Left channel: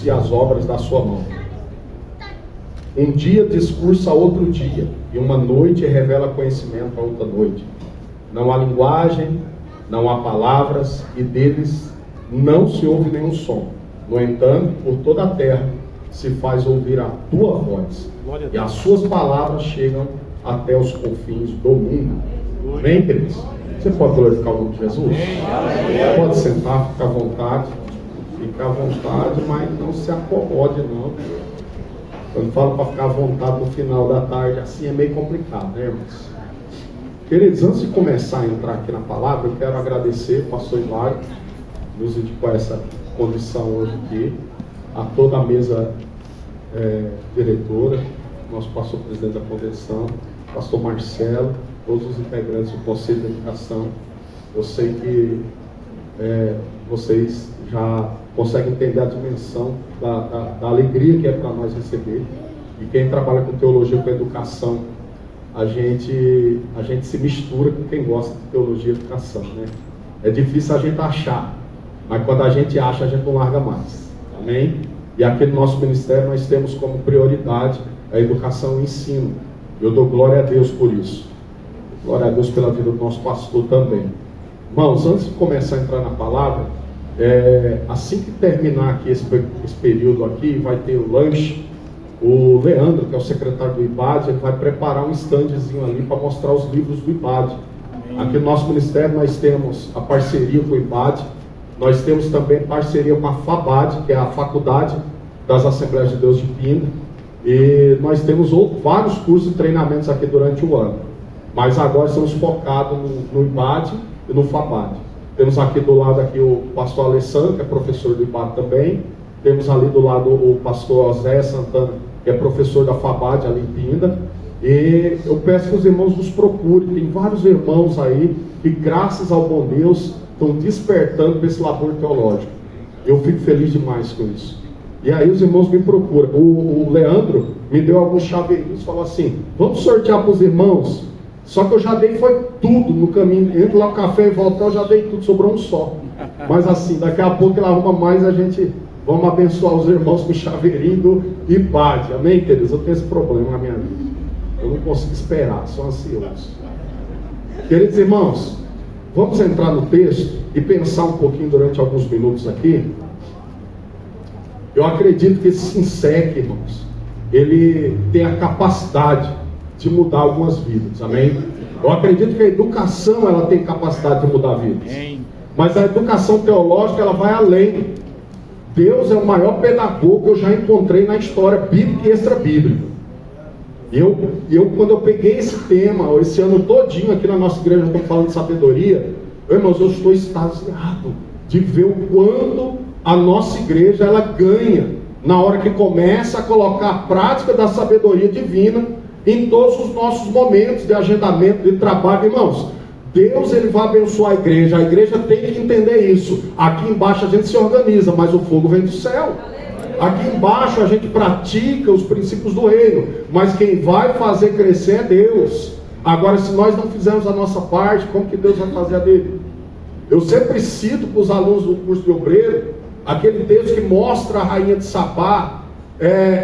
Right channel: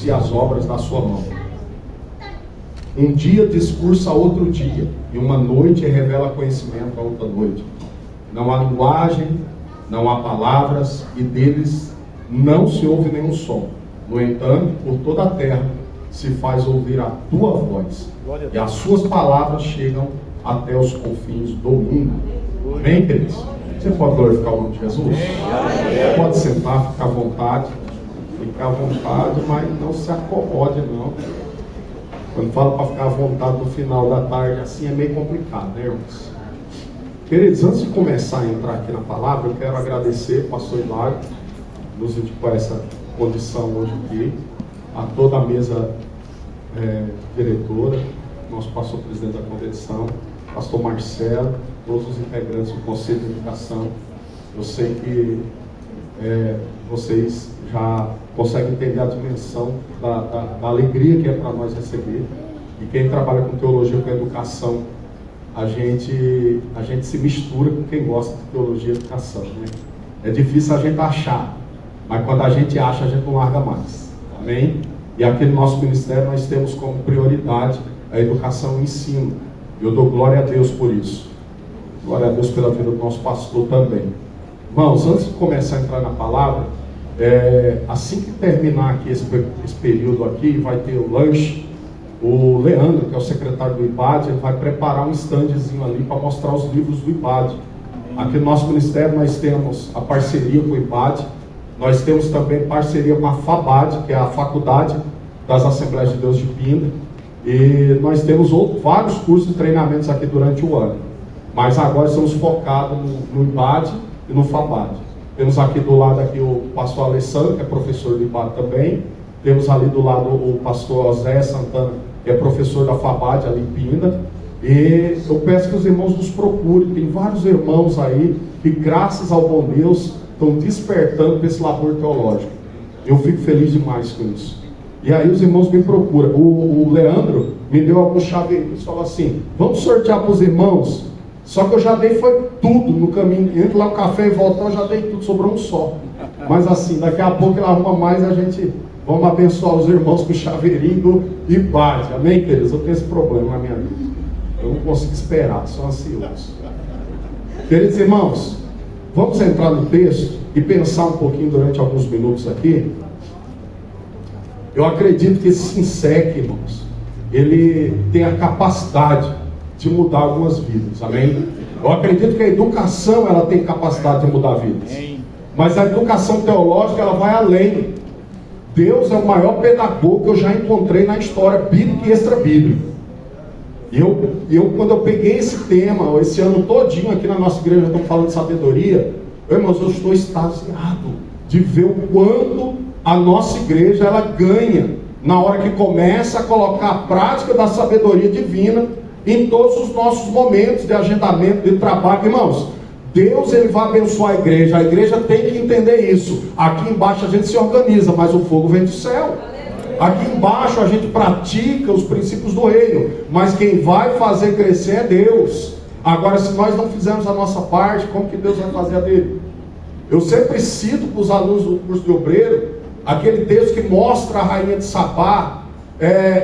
anuncia as obras da sua mão. Um dia discursa outro dia, e uma noite revela conhecimento a outra noite. Não há linguagem, não há palavras, e deles não se ouve nenhum som. No entanto, por toda a terra se faz ouvir a tua voz, e as suas palavras chegam até os confins do mundo. Amém, queridos? Você pode glorificar o nome de Jesus? Pode sentar, ficar à vontade. Ficar à vontade, mas não se acomode, não. Quando falo para ficar à vontade no final da tarde, assim é meio complicado, né, irmãos? Queridos, antes de começar a entrar aqui na palavra, eu quero agradecer ao pastor Hilário, nos indicou essa condição hoje aqui, a toda a mesa diretora, nosso pastor presidente da convenção, pastor Marcelo, todos os integrantes do Conselho de Educação. Eu sei que vocês já conseguem entender a dimensão da alegria que é para nós receber. E quem trabalha com teologia, com educação, a gente se mistura com quem gosta de teologia e educação, né? É difícil a gente achar, mas quando a gente acha, a gente não larga mais. Amém? E aqui no nosso ministério nós temos como prioridade a educação e o ensino. Eu dou glória a Deus por isso. Glória a Deus pela vida do nosso pastor também. Irmãos, antes de começar a entrar na palavra, assim que terminar aqui esse período aqui, vai ter o lanche. O Leandro, que é o secretário do IBAD, ele vai preparar um standzinho ali para mostrar os livros do IBAD. Aqui no nosso ministério nós temos a parceria com o IBAD, nós temos também parceria com a FABAD, que é a Faculdade das Assembleias de Deus de Pinda, e nós temos vários cursos e treinamentos aqui durante o ano, mas agora estamos focados no IBAD e no FABAD. Temos aqui do lado aqui o pastor Alessandro, que é professor do IBAD também, temos ali do lado o pastor Zé Santana, que é professor da FABAD ali em Pinda, e eu peço que os irmãos nos procurem. Tem vários irmãos aí que, graças ao bom Deus, estão despertando para esse labor teológico. Eu fico feliz demais com isso. E aí os irmãos me procuram. O Leandro me deu alguns chaveirinhos, falou assim: vamos sortear para os irmãos. Só que eu já dei foi tudo no caminho. Entro lá no café e volto, eu já dei tudo, sobrou um só. Mas assim, daqui a pouco ele arruma mais, a gente vamos abençoar os irmãos com chaveirinho do IBAD. Amém, queridos? Eu tenho esse problema na minha vida. Eu não consigo esperar, sou ansioso. Queridos irmãos, vamos entrar no texto e pensar um pouquinho durante alguns minutos aqui. Eu acredito que esse SINSEC, irmãos, ele tem a capacidade de mudar algumas vidas, amém? Eu acredito que a educação, ela tem capacidade de mudar vidas. Mas a educação teológica, ela vai além. Deus é o maior pedagogo que eu já encontrei na história bíblica e extra-bíblica. Quando eu peguei esse tema, esse ano todinho aqui na nossa igreja, estamos falando de sabedoria, irmãos, eu estou extasiado de ver o quanto a nossa igreja ela ganha na hora que começa a colocar a prática da sabedoria divina em todos os nossos momentos de agendamento, de trabalho. Irmãos, Deus ele vai abençoar a igreja tem que entender isso. Aqui embaixo a gente se organiza, mas o fogo vem do céu. Aqui embaixo a gente pratica os princípios do reino, mas quem vai fazer crescer é Deus. Agora, se nós não fizermos a nossa parte, como que Deus vai fazer a dele? Eu sempre cito para os alunos do curso de obreiro aquele texto que mostra a rainha de Sabá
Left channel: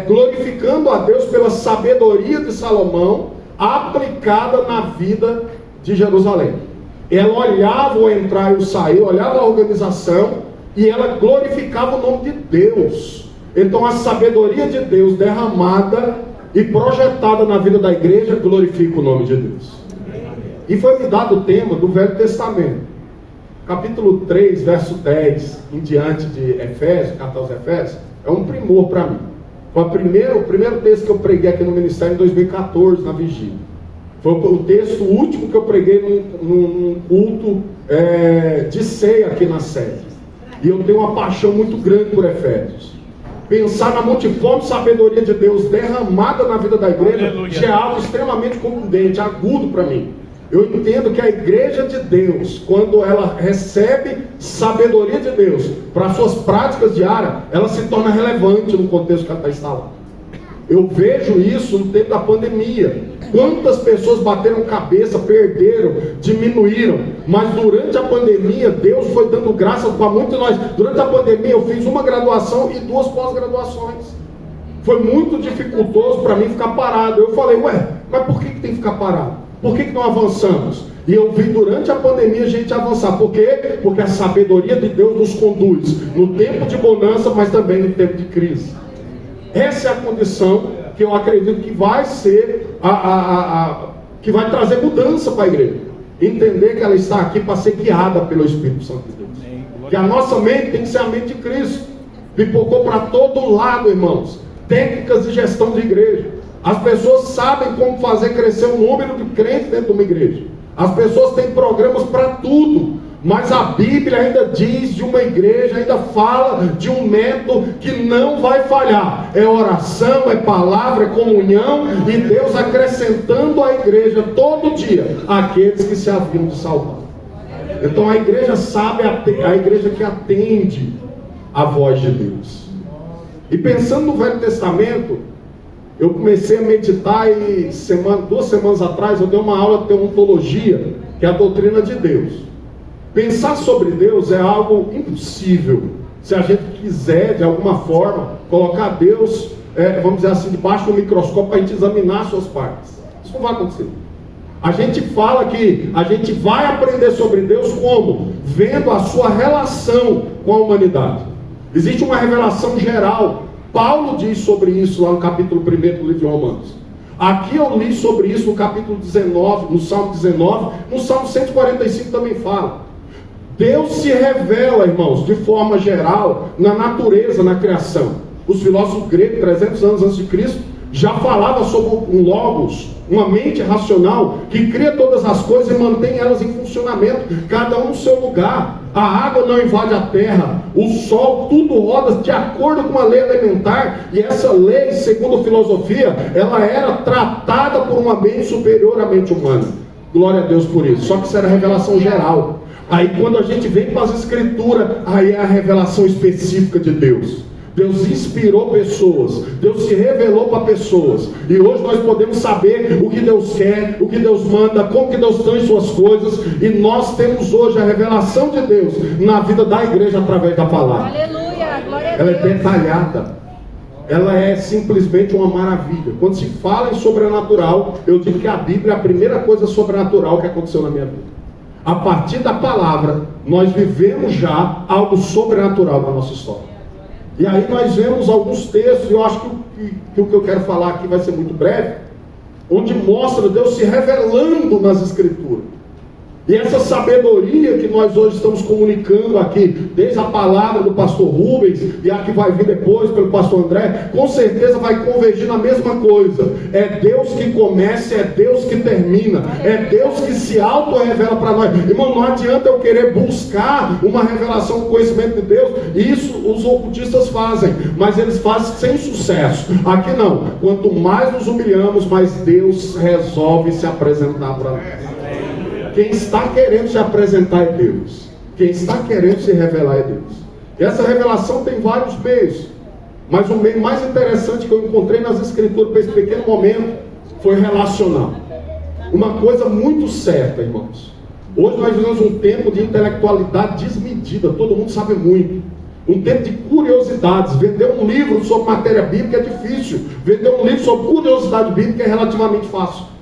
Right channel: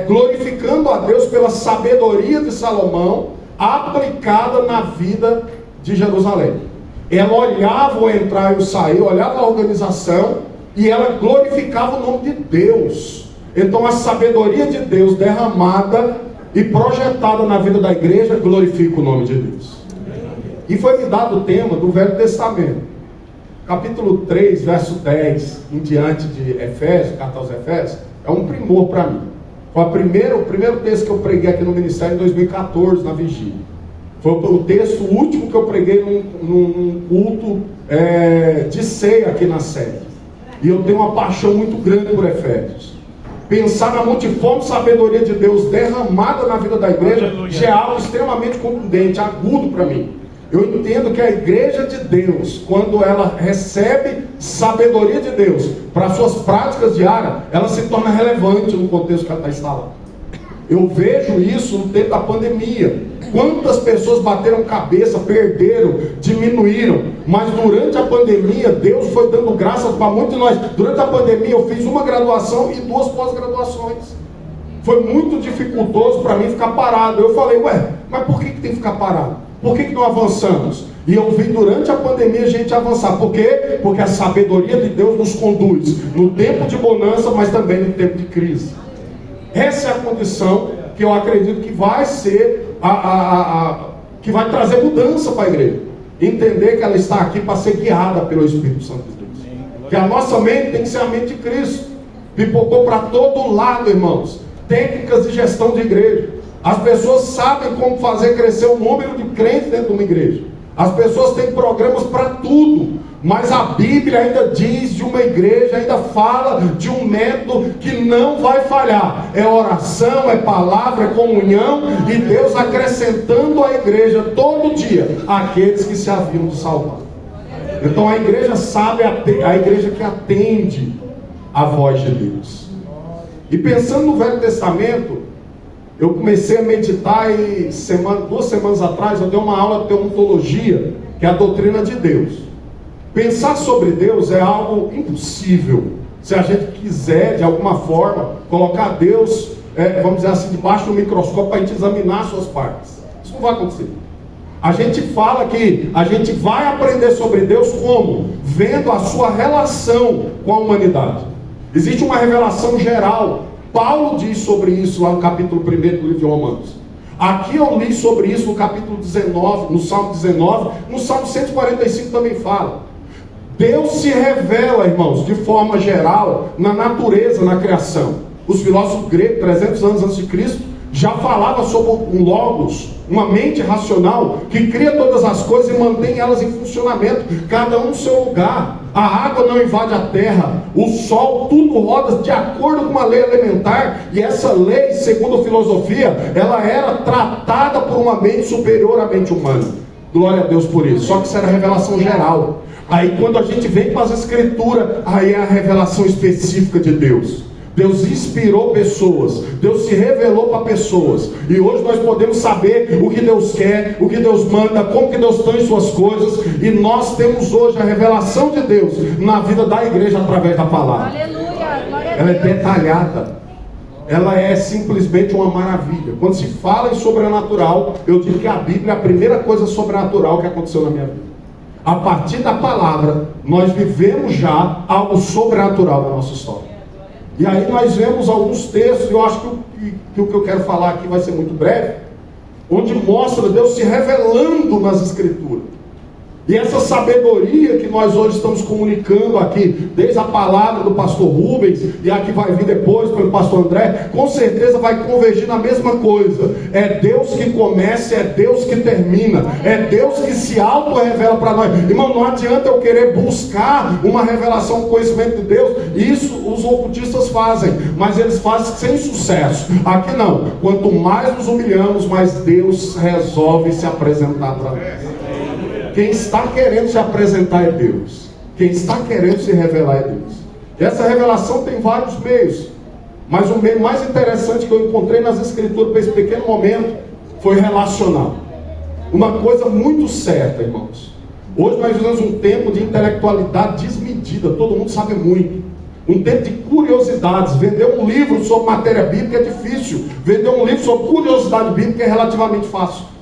glorificando a Deus pela sabedoria de Salomão aplicada na vida de Jerusalém. Ela olhava o entrar e o sair, olhava a organização e ela glorificava o nome de Deus. Então a sabedoria de Deus derramada e projetada na vida da igreja glorifica o nome de Deus. E foi me dado o tema do Velho Testamento, capítulo 3, verso 10 em diante de Efésios, carta aos Efésios, é um primor para mim. Foi o primeiro texto que eu preguei aqui no ministério em 2014, na vigília. Foi o texto último que eu preguei num culto de ceia aqui na sede. E eu tenho uma paixão muito grande por Efésios. Pensar na multiforme sabedoria de Deus derramada na vida da igreja já é algo extremamente contundente, agudo para mim. Eu entendo que a igreja de Deus, quando ela recebe sabedoria de Deus para suas práticas diárias, ela se torna relevante no contexto que ela está instalada. Eu vejo isso no tempo da pandemia. Quantas pessoas bateram cabeça, perderam, diminuíram. Mas durante a pandemia, Deus foi dando graças para muitos de nós. Durante a pandemia, eu fiz uma graduação e 2 pós-graduações. Foi muito dificultoso para mim ficar parado. Eu falei, mas por que tem que ficar parado? Por que não avançamos? E eu vi durante a pandemia a gente avançar. Por quê? Porque a sabedoria de Deus nos conduz no tempo de bonança, mas também no tempo de crise. Essa é a condição que eu acredito que vai ser que vai trazer mudança para a igreja. Entender que ela está aqui para ser guiada pelo Espírito Santo de Deus. Que a nossa mente tem que ser a mente de Cristo. Pipocou para todo lado, irmãos. Técnicas de gestão de igreja. As pessoas sabem como fazer crescer o número de crentes dentro de uma igreja. As pessoas têm programas para tudo. Mas a Bíblia ainda diz de uma igreja, ainda fala de um método que não vai falhar. É oração, é palavra, é comunhão, e Deus acrescentando à igreja todo dia aqueles que se haviam de salvar. Então a igreja sabe, a igreja que atende a voz de Deus. E pensando no Velho Testamento, eu comecei a meditar e 2 semanas atrás eu dei uma aula de teontologia, que é a doutrina de Deus. Pensar sobre Deus é algo impossível, se a gente quiser, de alguma forma, colocar Deus, vamos dizer assim, debaixo do microscópio para a gente examinar suas partes. Isso não vai acontecer. A gente fala que a gente vai aprender sobre Deus como? Vendo a sua relação com a humanidade. Existe uma revelação geral. Paulo diz sobre isso lá no capítulo 1 do livro de Romanos. Aqui eu li sobre isso no capítulo 19, no Salmo 19, no Salmo 145 também fala. Deus se revela, irmãos, de forma geral, na natureza, na criação. Os filósofos gregos, 300 anos antes de Cristo, já falavam sobre um logos, uma mente racional, que cria todas as coisas e mantém elas em funcionamento, cada um no seu lugar. A água não invade a terra, o sol, tudo roda de acordo com uma lei elementar, e essa lei, segundo a filosofia, ela era tratada por uma mente superior à mente humana. Glória a Deus por isso. Só que isso era revelação geral. Aí quando a gente vem para as escrituras, aí é a revelação específica de Deus. Deus inspirou pessoas, Deus se revelou para pessoas, e hoje nós podemos saber o que Deus quer, o que Deus manda, como que Deus tem suas coisas, e nós temos hoje a revelação de Deus na vida da igreja através da palavra. Aleluia, glória a Deus. Ela é detalhada, ela é simplesmente uma maravilha. Quando se fala em sobrenatural, eu digo que a Bíblia é a primeira coisa sobrenatural que aconteceu na minha vida. A partir da palavra, nós vivemos já algo sobrenatural da nossa história. E aí nós vemos alguns textos, eu acho que o que eu quero falar aqui vai ser muito breve, onde mostra Deus se revelando nas escrituras. E essa sabedoria que nós hoje estamos comunicando aqui, desde a palavra do pastor Rubens, e a que vai vir depois pelo pastor André, com certeza vai convergir na mesma coisa. É Deus que começa, é Deus que termina, é Deus que se auto-revela para nós. Irmão, não adianta eu querer buscar uma revelação do conhecimento de Deus. Isso os ocultistas fazem, mas eles fazem sem sucesso. Aqui não. Quanto mais nos humilhamos, mais Deus resolve se apresentar para nós. Quem está querendo se apresentar é Deus. Quem está querendo se revelar é Deus. E essa revelação tem vários meios. Mas o meio mais interessante que eu encontrei nas escrituras para esse pequeno momento foi relacional. Uma coisa muito certa, irmãos. Hoje nós vivemos um tempo de intelectualidade desmedida. Todo mundo sabe muito. Um tempo de curiosidades. Vender um livro sobre matéria bíblica é difícil. Vender um livro sobre curiosidade bíblica é relativamente fácil.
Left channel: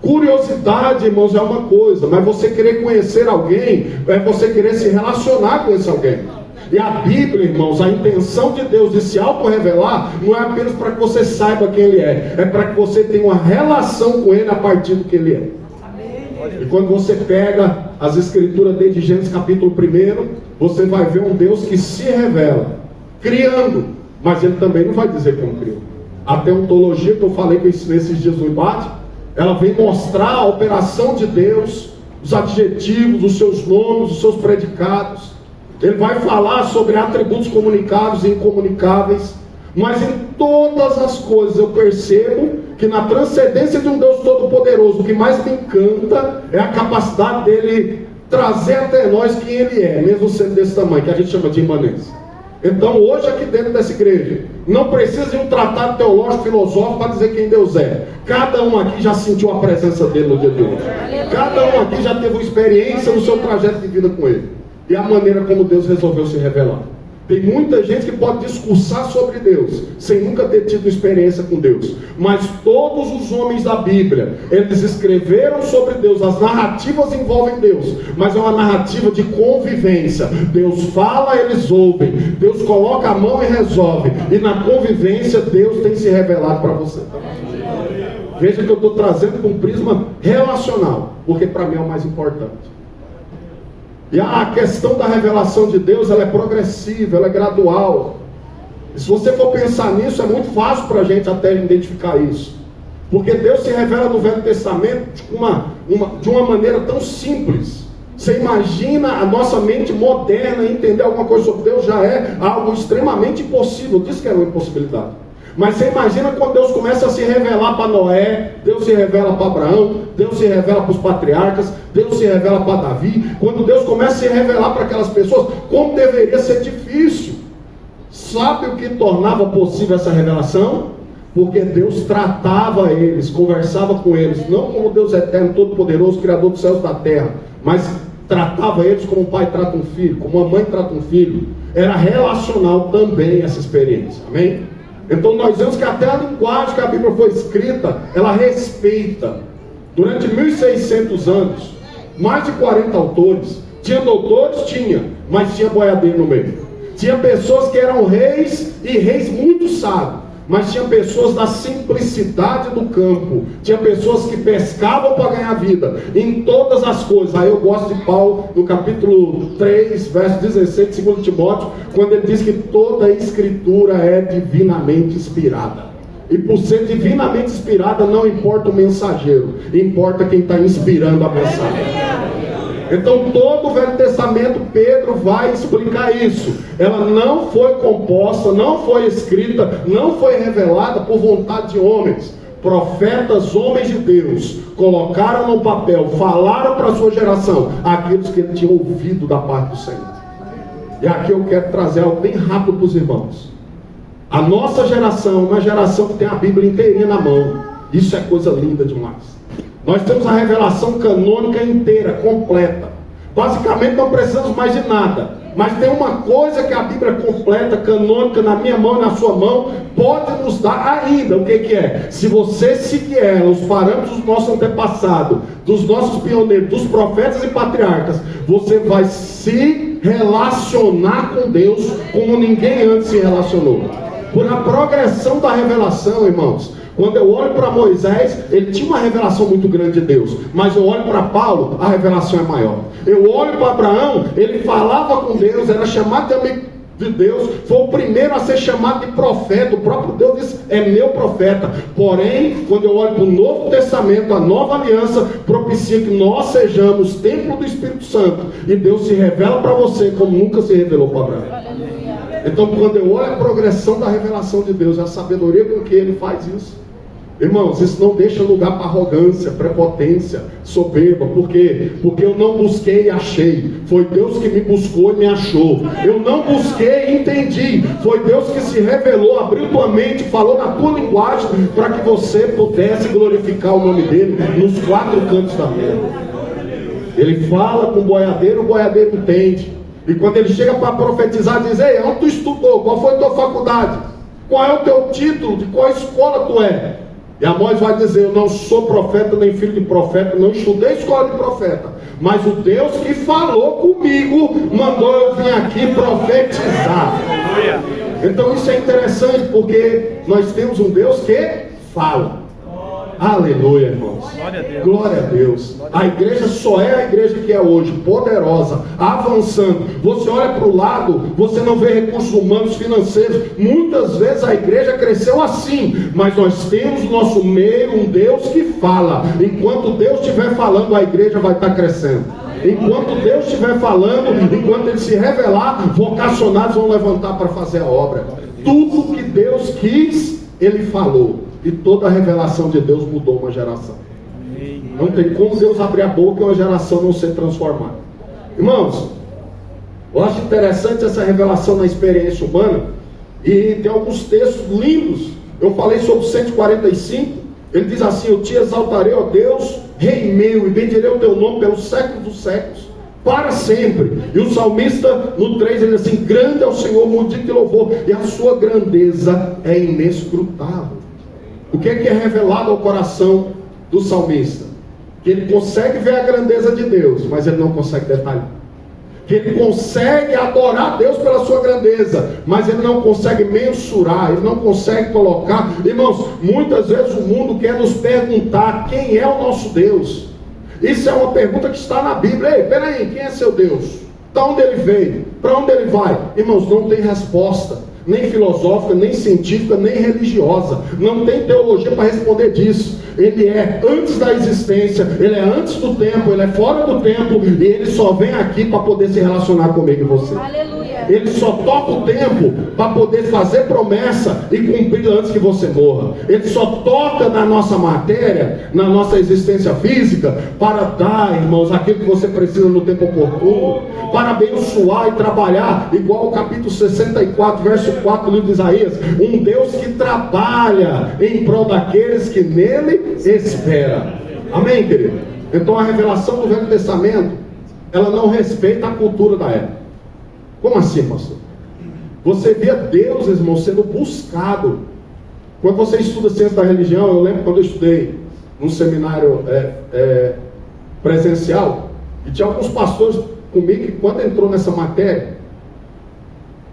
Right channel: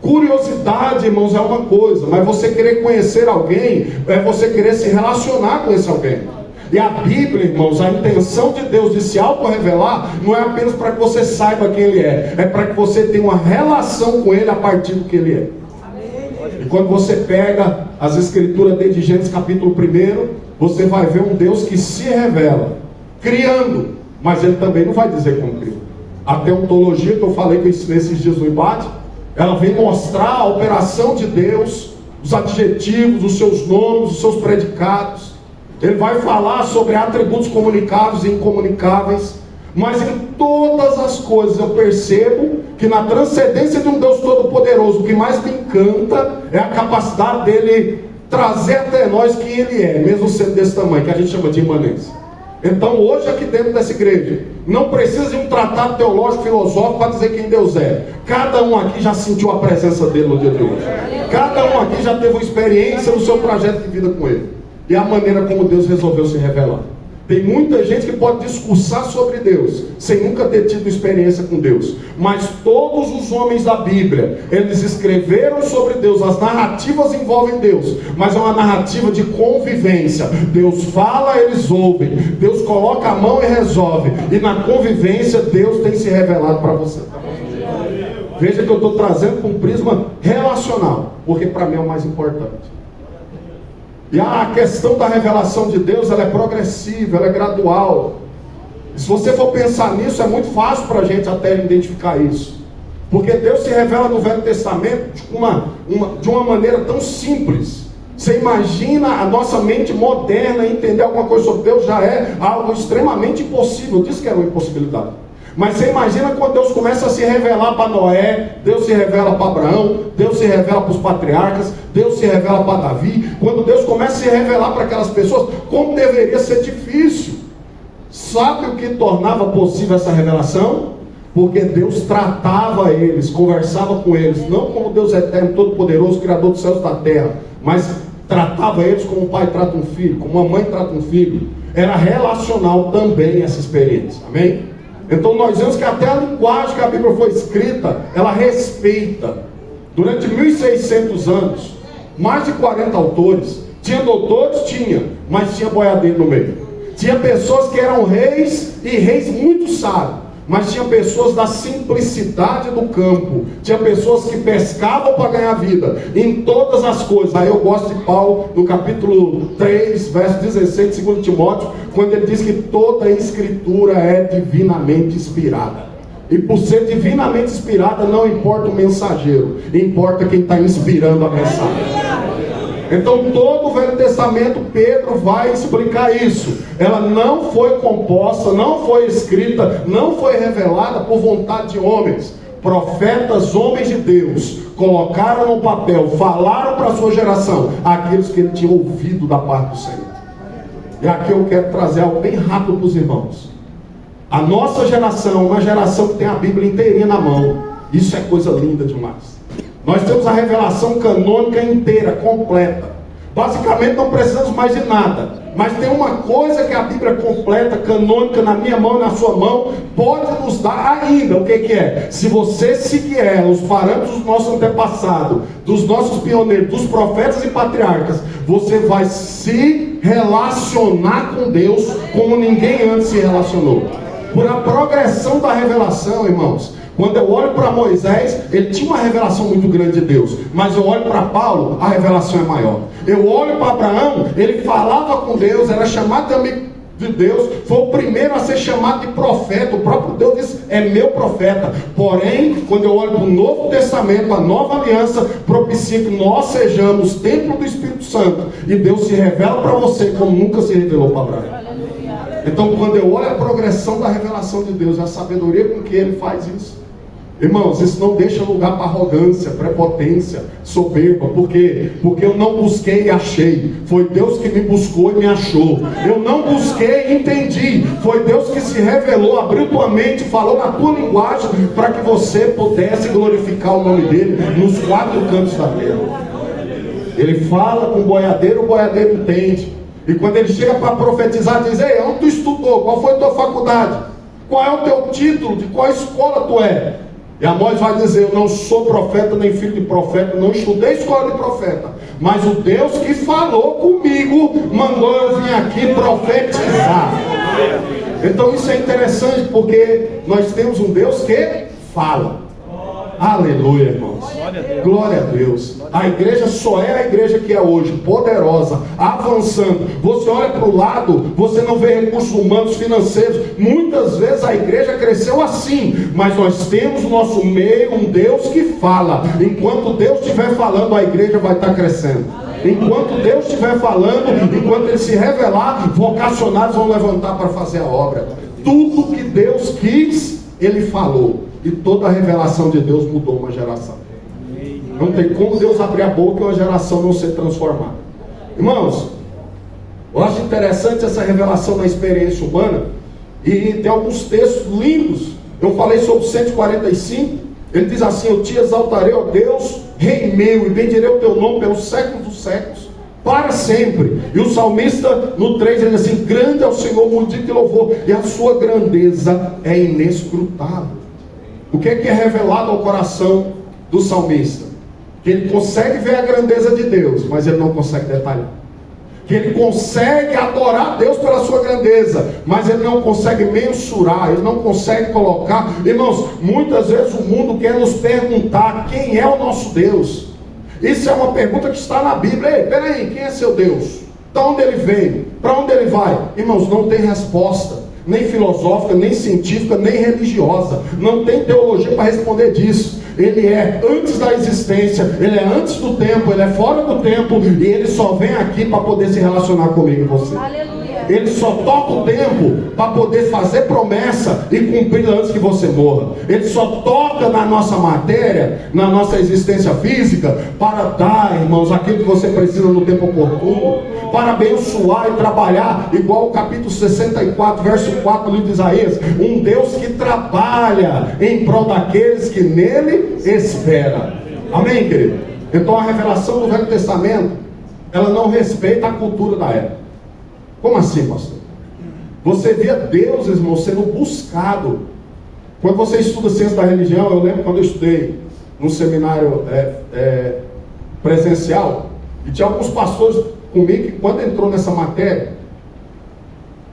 Curiosidade, irmãos, é uma coisa, mas você querer conhecer alguém, é você querer se relacionar com esse alguém. E a Bíblia, irmãos, a intenção de Deus de se auto-revelar não é apenas para que você saiba quem Ele é para que você tenha uma relação com Ele a partir do que Ele é. E quando você pega as escrituras desde Gênesis capítulo 1, você vai ver um Deus que se revela, criando, mas Ele também não vai dizer como criou. A teontologia que eu falei que eu ensinei esses dias no embate, ela vem mostrar a operação de Deus, os adjetivos, os seus nomes, os seus predicados. Ele vai falar sobre atributos comunicados e incomunicáveis. Mas em todas as coisas eu percebo que na transcendência de um Deus Todo-Poderoso, o que mais me encanta é a capacidade dele trazer até nós quem Ele é, mesmo sendo desse tamanho, que a gente chama de imanência. Então hoje aqui dentro dessa igreja, não precisa de um tratado teológico, filosófico para dizer quem Deus é. Cada um aqui já sentiu a presença dele no dia de hoje. Cada um aqui já teve uma experiência no seu trajeto de vida com ele. E a maneira como Deus resolveu se revelar. Tem muita gente que pode discursar sobre Deus, sem nunca ter tido experiência com Deus. Mas todos os homens da Bíblia, eles escreveram sobre Deus. As narrativas envolvem Deus, mas é uma narrativa de convivência. Deus fala, eles ouvem. Deus coloca a mão e resolve. E na convivência, Deus tem se revelado para você. Veja que eu estou trazendo para um prisma relacional, porque para mim é o mais importante. E a questão da revelação de Deus, ela é progressiva, ela é gradual. E se você for pensar nisso, é muito fácil para a gente até identificar isso. Porque Deus se revela no Velho Testamento de uma maneira tão simples. Você imagina a nossa mente moderna entender alguma coisa sobre Deus, já é algo extremamente impossível. Eu disse que era uma impossibilidade. Mas você imagina quando Deus começa a se revelar para Noé, Deus se revela para Abraão, Deus se revela para os patriarcas, Deus se revela para Davi. Quando Deus começa a se revelar para aquelas pessoas, como deveria ser difícil. Sabe o que tornava possível essa revelação? Porque Deus tratava eles, conversava com eles, não como Deus eterno, todo-poderoso, criador dos céus e da terra, mas tratava eles como um pai trata um filho, como uma mãe trata um filho. Era relacional também essa experiência, amém? Então nós vemos que até a linguagem que a Bíblia foi escrita, ela respeita. Durante 1600 anos, mais de 40 autores. Tinha doutores? Tinha, mas tinha boiadeiro no meio. Tinha pessoas que eram reis, e reis muito sábios. Mas tinha pessoas da simplicidade do campo. Tinha pessoas que pescavam para ganhar vida. Em todas as coisas. Aí eu gosto de Paulo, no capítulo 3, verso 16 de 2 Timóteo, quando ele diz que toda a escritura é divinamente inspirada. E por ser divinamente inspirada, não importa o mensageiro, importa quem está inspirando a mensagem. Então todo o Velho Testamento, Pedro vai explicar isso. Ela não foi composta, não foi escrita, não foi revelada por vontade de homens. Profetas, homens de Deus, colocaram no papel, falaram para a sua geração aqueles que ele tinha ouvido da parte do Senhor. E aqui eu quero trazer algo bem rápido para os irmãos. A nossa geração é uma geração que tem a Bíblia inteirinha na mão. Isso é coisa linda demais. Nós temos a revelação canônica inteira, completa. Basicamente não precisamos mais de nada. Mas tem uma coisa que a Bíblia completa, canônica, na minha mão e na sua mão, pode nos dar ainda. O que é? Se você seguir ela, os parâmetros dos nossos antepassados, dos nossos pioneiros, dos profetas e patriarcas, você vai se relacionar com Deus como ninguém antes se relacionou. Por a progressão da revelação, irmãos. Quando eu olho para Moisés, ele tinha uma revelação muito grande de Deus. Mas eu olho para Paulo, a revelação é maior. Eu olho para Abraão, ele falava com Deus, era chamado também de Deus. Foi o primeiro a ser chamado de profeta. O próprio Deus disse, é meu profeta. Porém, quando eu olho para o Novo Testamento, a nova aliança propicia que nós sejamos templo do Espírito Santo. E Deus se revela para você como nunca se revelou para Abraão. Então, quando eu olho a progressão da revelação de Deus, a sabedoria com que ele faz isso, irmãos, isso não deixa lugar para arrogância, prepotência, soberba. Por quê? Porque eu não busquei e achei. Foi Deus que me buscou e me achou. Eu não busquei e entendi. Foi Deus que se revelou, abriu tua mente, falou na tua linguagem, para que você pudesse glorificar o nome dele nos quatro cantos da terra. Ele fala com o boiadeiro entende. E quando ele chega para profetizar, diz, ei, onde tu estudou? Qual foi a tua faculdade? Qual é o teu título? De qual escola tu é? E Amós vai dizer, eu não sou profeta nem filho de profeta, não estudei escola de profeta, mas o Deus que falou comigo mandou eu vir aqui profetizar. Então isso é interessante, porque nós temos um Deus que fala. Aleluia, irmãos. Glória a Deus. A igreja só é a igreja que é hoje, poderosa, avançando. Você olha para o lado, você não vê recursos humanos, financeiros. Muitas vezes a igreja cresceu assim, mas nós temos no nosso meio um Deus que fala. Enquanto Deus estiver falando, a igreja vai estar crescendo. Enquanto Deus estiver falando, enquanto Ele se revelar, vocacionados vão levantar para fazer a obra. Tudo que Deus quis, Ele falou. E toda a revelação de Deus mudou uma geração. Não tem como Deus abrir a boca e uma geração não ser transformada. Irmãos, Eu acho interessante essa revelação na experiência humana, e tem alguns textos lindos. Eu falei sobre o 145, ele diz assim: eu te exaltarei, ó Deus, Rei meu, e bendirei o teu nome pelos séculos dos séculos, para sempre. E o salmista no 3 ele diz assim: grande é o Senhor, muito digno de louvor, e a sua grandeza é inescrutável. O que é revelado ao coração do salmista? Que ele consegue ver a grandeza de Deus, mas ele não consegue detalhar. Que ele consegue adorar Deus pela sua grandeza, mas ele não consegue mensurar, ele não consegue colocar. Irmãos, muitas vezes o mundo quer nos perguntar quem é o nosso Deus. Isso é uma pergunta que está na Bíblia. Ei, peraí, quem é seu Deus? De onde ele veio? Para onde ele vai? Irmãos, não tem resposta, nem filosófica, nem científica, nem religiosa. Não tem teologia para responder disso. Ele é antes da existência, ele é antes do tempo, ele é fora do tempo, e ele só vem aqui para poder se relacionar comigo e você. Aleluia. Ele só toca o tempo para poder fazer promessa e cumprir antes que você morra. Ele só toca na nossa matéria, na nossa existência física, para dar, irmãos, aquilo que você precisa no tempo oportuno, para abençoar e trabalhar, igual o capítulo 64, verso 4 do livro de Isaías: um Deus que trabalha em prol daqueles que nele esperam. Amém, querido? Então a revelação do Velho Testamento, ela não respeita a cultura da época. Como assim, pastor? Você via Deus, irmão, sendo buscado. Quando você estuda ciência da religião, eu lembro quando eu estudei num seminário presencial, e tinha alguns pastores comigo que, quando entrou nessa matéria,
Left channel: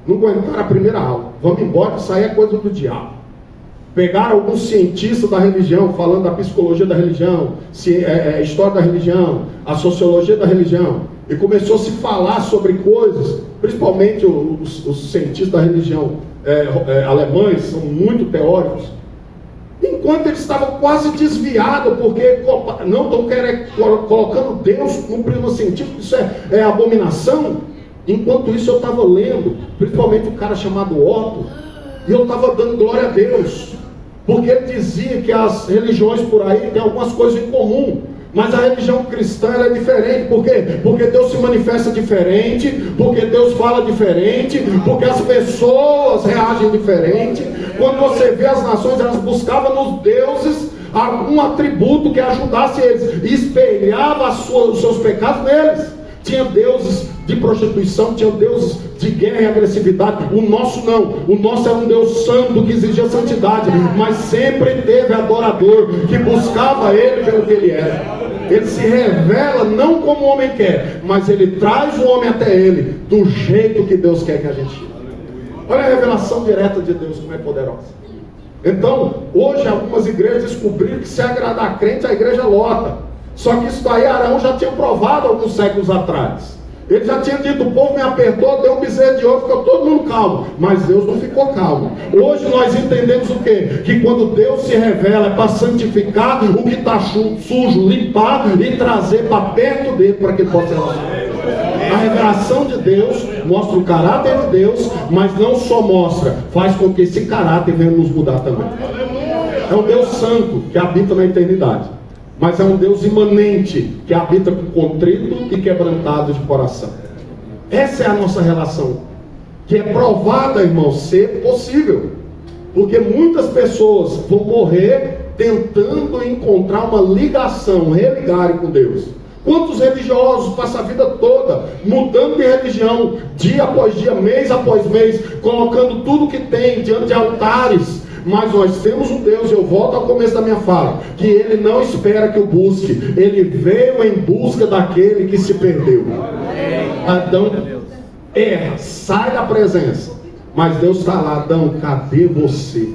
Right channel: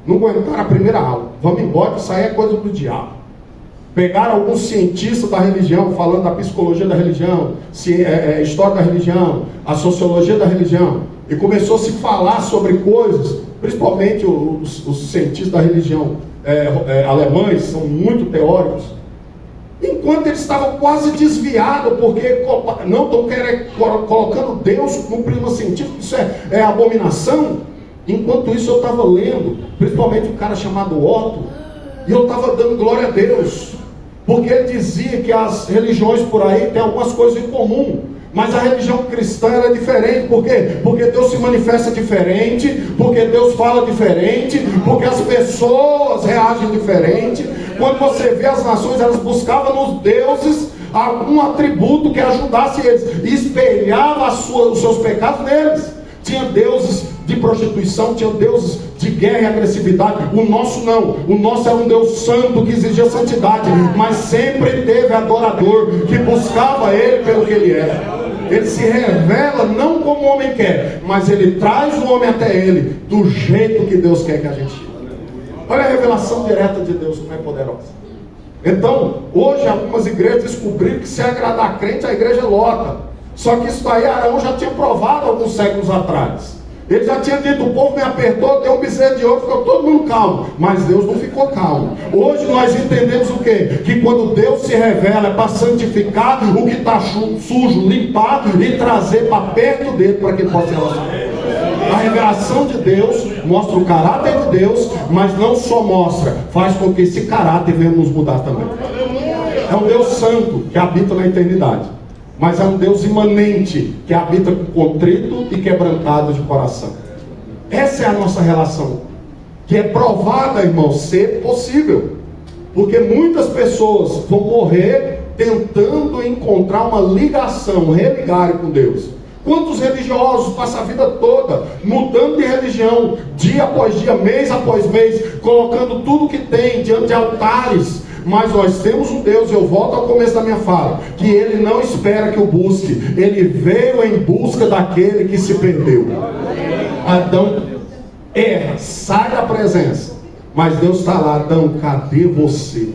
não aguentaram a primeira aula. Vamos embora, que isso aí é coisa do diabo. Pegaram alguns cientistas da religião, falando da psicologia da religião, história da religião, a sociologia da religião, e começou a se falar sobre coisas, principalmente os cientistas da religião alemães, são muito teóricos, enquanto eles estavam quase desviados, porque não estão colocando Deus como primo científico, isso é abominação. Enquanto isso eu estava lendo, principalmente um cara chamado Otto, e eu estava dando glória a Deus, porque ele dizia que as religiões por aí têm algumas coisas em comum, mas a religião cristã é diferente. Por quê? Porque Deus se manifesta diferente, porque Deus fala diferente, porque as pessoas reagem diferente. Quando você vê as nações, elas buscavam nos deuses algum atributo que ajudasse eles, e espelhava os seus pecados neles. Tinha deuses de prostituição, tinha deuses de guerra e agressividade. O nosso não. O nosso era um Deus santo que exigia santidade, mas sempre teve adorador que buscava Ele pelo que Ele é. Ele se revela não como o homem quer, mas Ele traz o homem até Ele do jeito que Deus quer que a gente. Olha a revelação direta de Deus, como é poderosa. Então, hoje algumas igrejas descobriram que se agradar crente, a igreja lota. Só que isso daí Arão já tinha provado alguns séculos atrás. Ele já tinha dito: o povo me apertou, deu um bezerro de ouro, ficou todo mundo calmo. Mas Deus não ficou calmo. Hoje nós entendemos o quê? Que quando Deus se revela é para santificar o que está sujo, limpar e trazer para perto dele, para que ele possa relacionar. A revelação de Deus mostra o caráter de Deus, mas não só mostra, faz com que esse caráter venha nos mudar também. É um Deus santo que habita na eternidade, mas é um Deus imanente que habita com contrito e quebrantado de coração. Essa é a nossa relação, que é provada, irmão, ser possível, porque muitas pessoas vão morrer tentando encontrar uma ligação, religar com Deus. Quantos religiosos passam a vida toda mudando de religião, dia após dia, mês após mês, colocando tudo que tem diante de altares? Mas nós temos um Deus, eu volto ao começo da minha fala, que Ele não espera que o busque. Ele veio em busca daquele que se perdeu. Adão erra, sai da presença, mas Deus está lá: Adão, cadê você?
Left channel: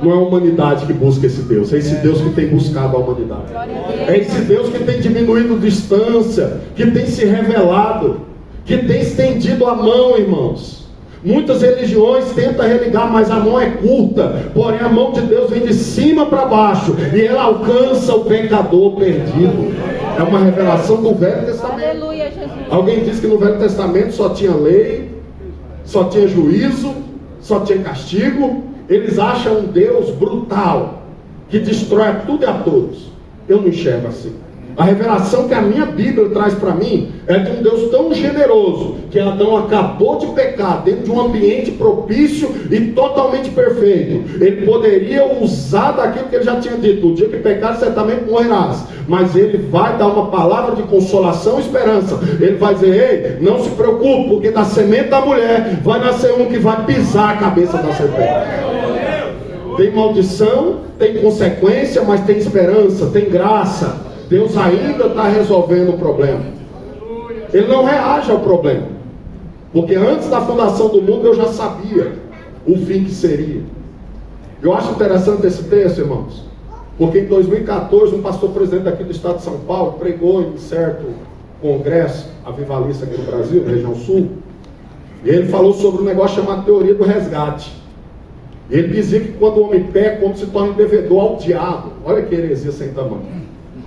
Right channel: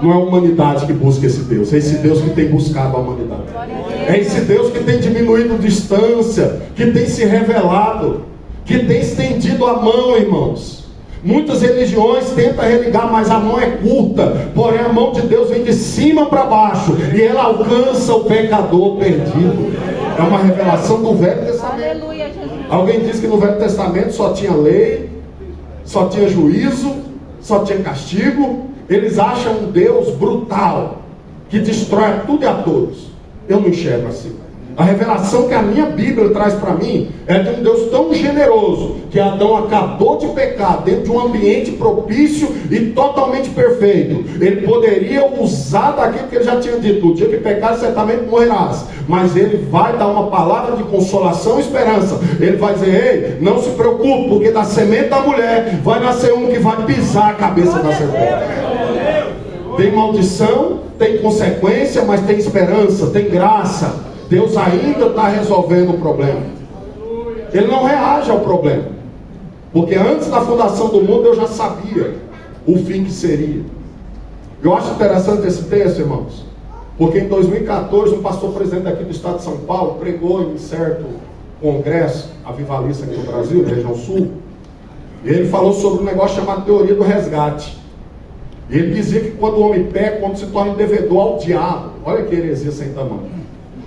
Não é a humanidade que busca esse Deus, é esse Deus que tem buscado a humanidade. É esse Deus que tem diminuído distância, que tem se revelado, que tem estendido a mão, irmãos. Muitas religiões tentam religar, mas a mão é curta, porém a mão de Deus vem de cima para baixo, e ela alcança o pecador perdido. É uma revelação do Velho Testamento. Alguém diz que no Velho Testamento só tinha lei, só tinha juízo, só tinha castigo. Eles acham um Deus brutal, que destrói tudo e a todos. Eu não enxergo assim. A revelação que a minha Bíblia traz para mim é de um Deus tão generoso, que Adão acabou de pecar dentro de um ambiente propício e totalmente perfeito. Ele poderia usar daquilo que ele já tinha dito: no dia que pecar, certamente morrerás. Mas ele vai dar uma palavra de consolação e esperança. Ele vai dizer: ei, não se preocupe, porque da semente da mulher vai nascer um que vai pisar a cabeça da serpente. Tem maldição, tem consequência, mas tem esperança, tem graça. Deus ainda está resolvendo o problema. Ele não reage ao problema, porque antes da fundação do mundo eu já sabia o fim que seria. Eu acho interessante esse texto, irmãos, porque em 2014 um pastor presidente aqui do estado de São Paulo pregou em certo congresso avivalista aqui no Brasil, na região sul, e ele falou sobre um negócio chamado teoria do resgate. Ele dizia que quando o homem peca, o homem se torna devedor ao diabo. Olha que heresia sem tamanho.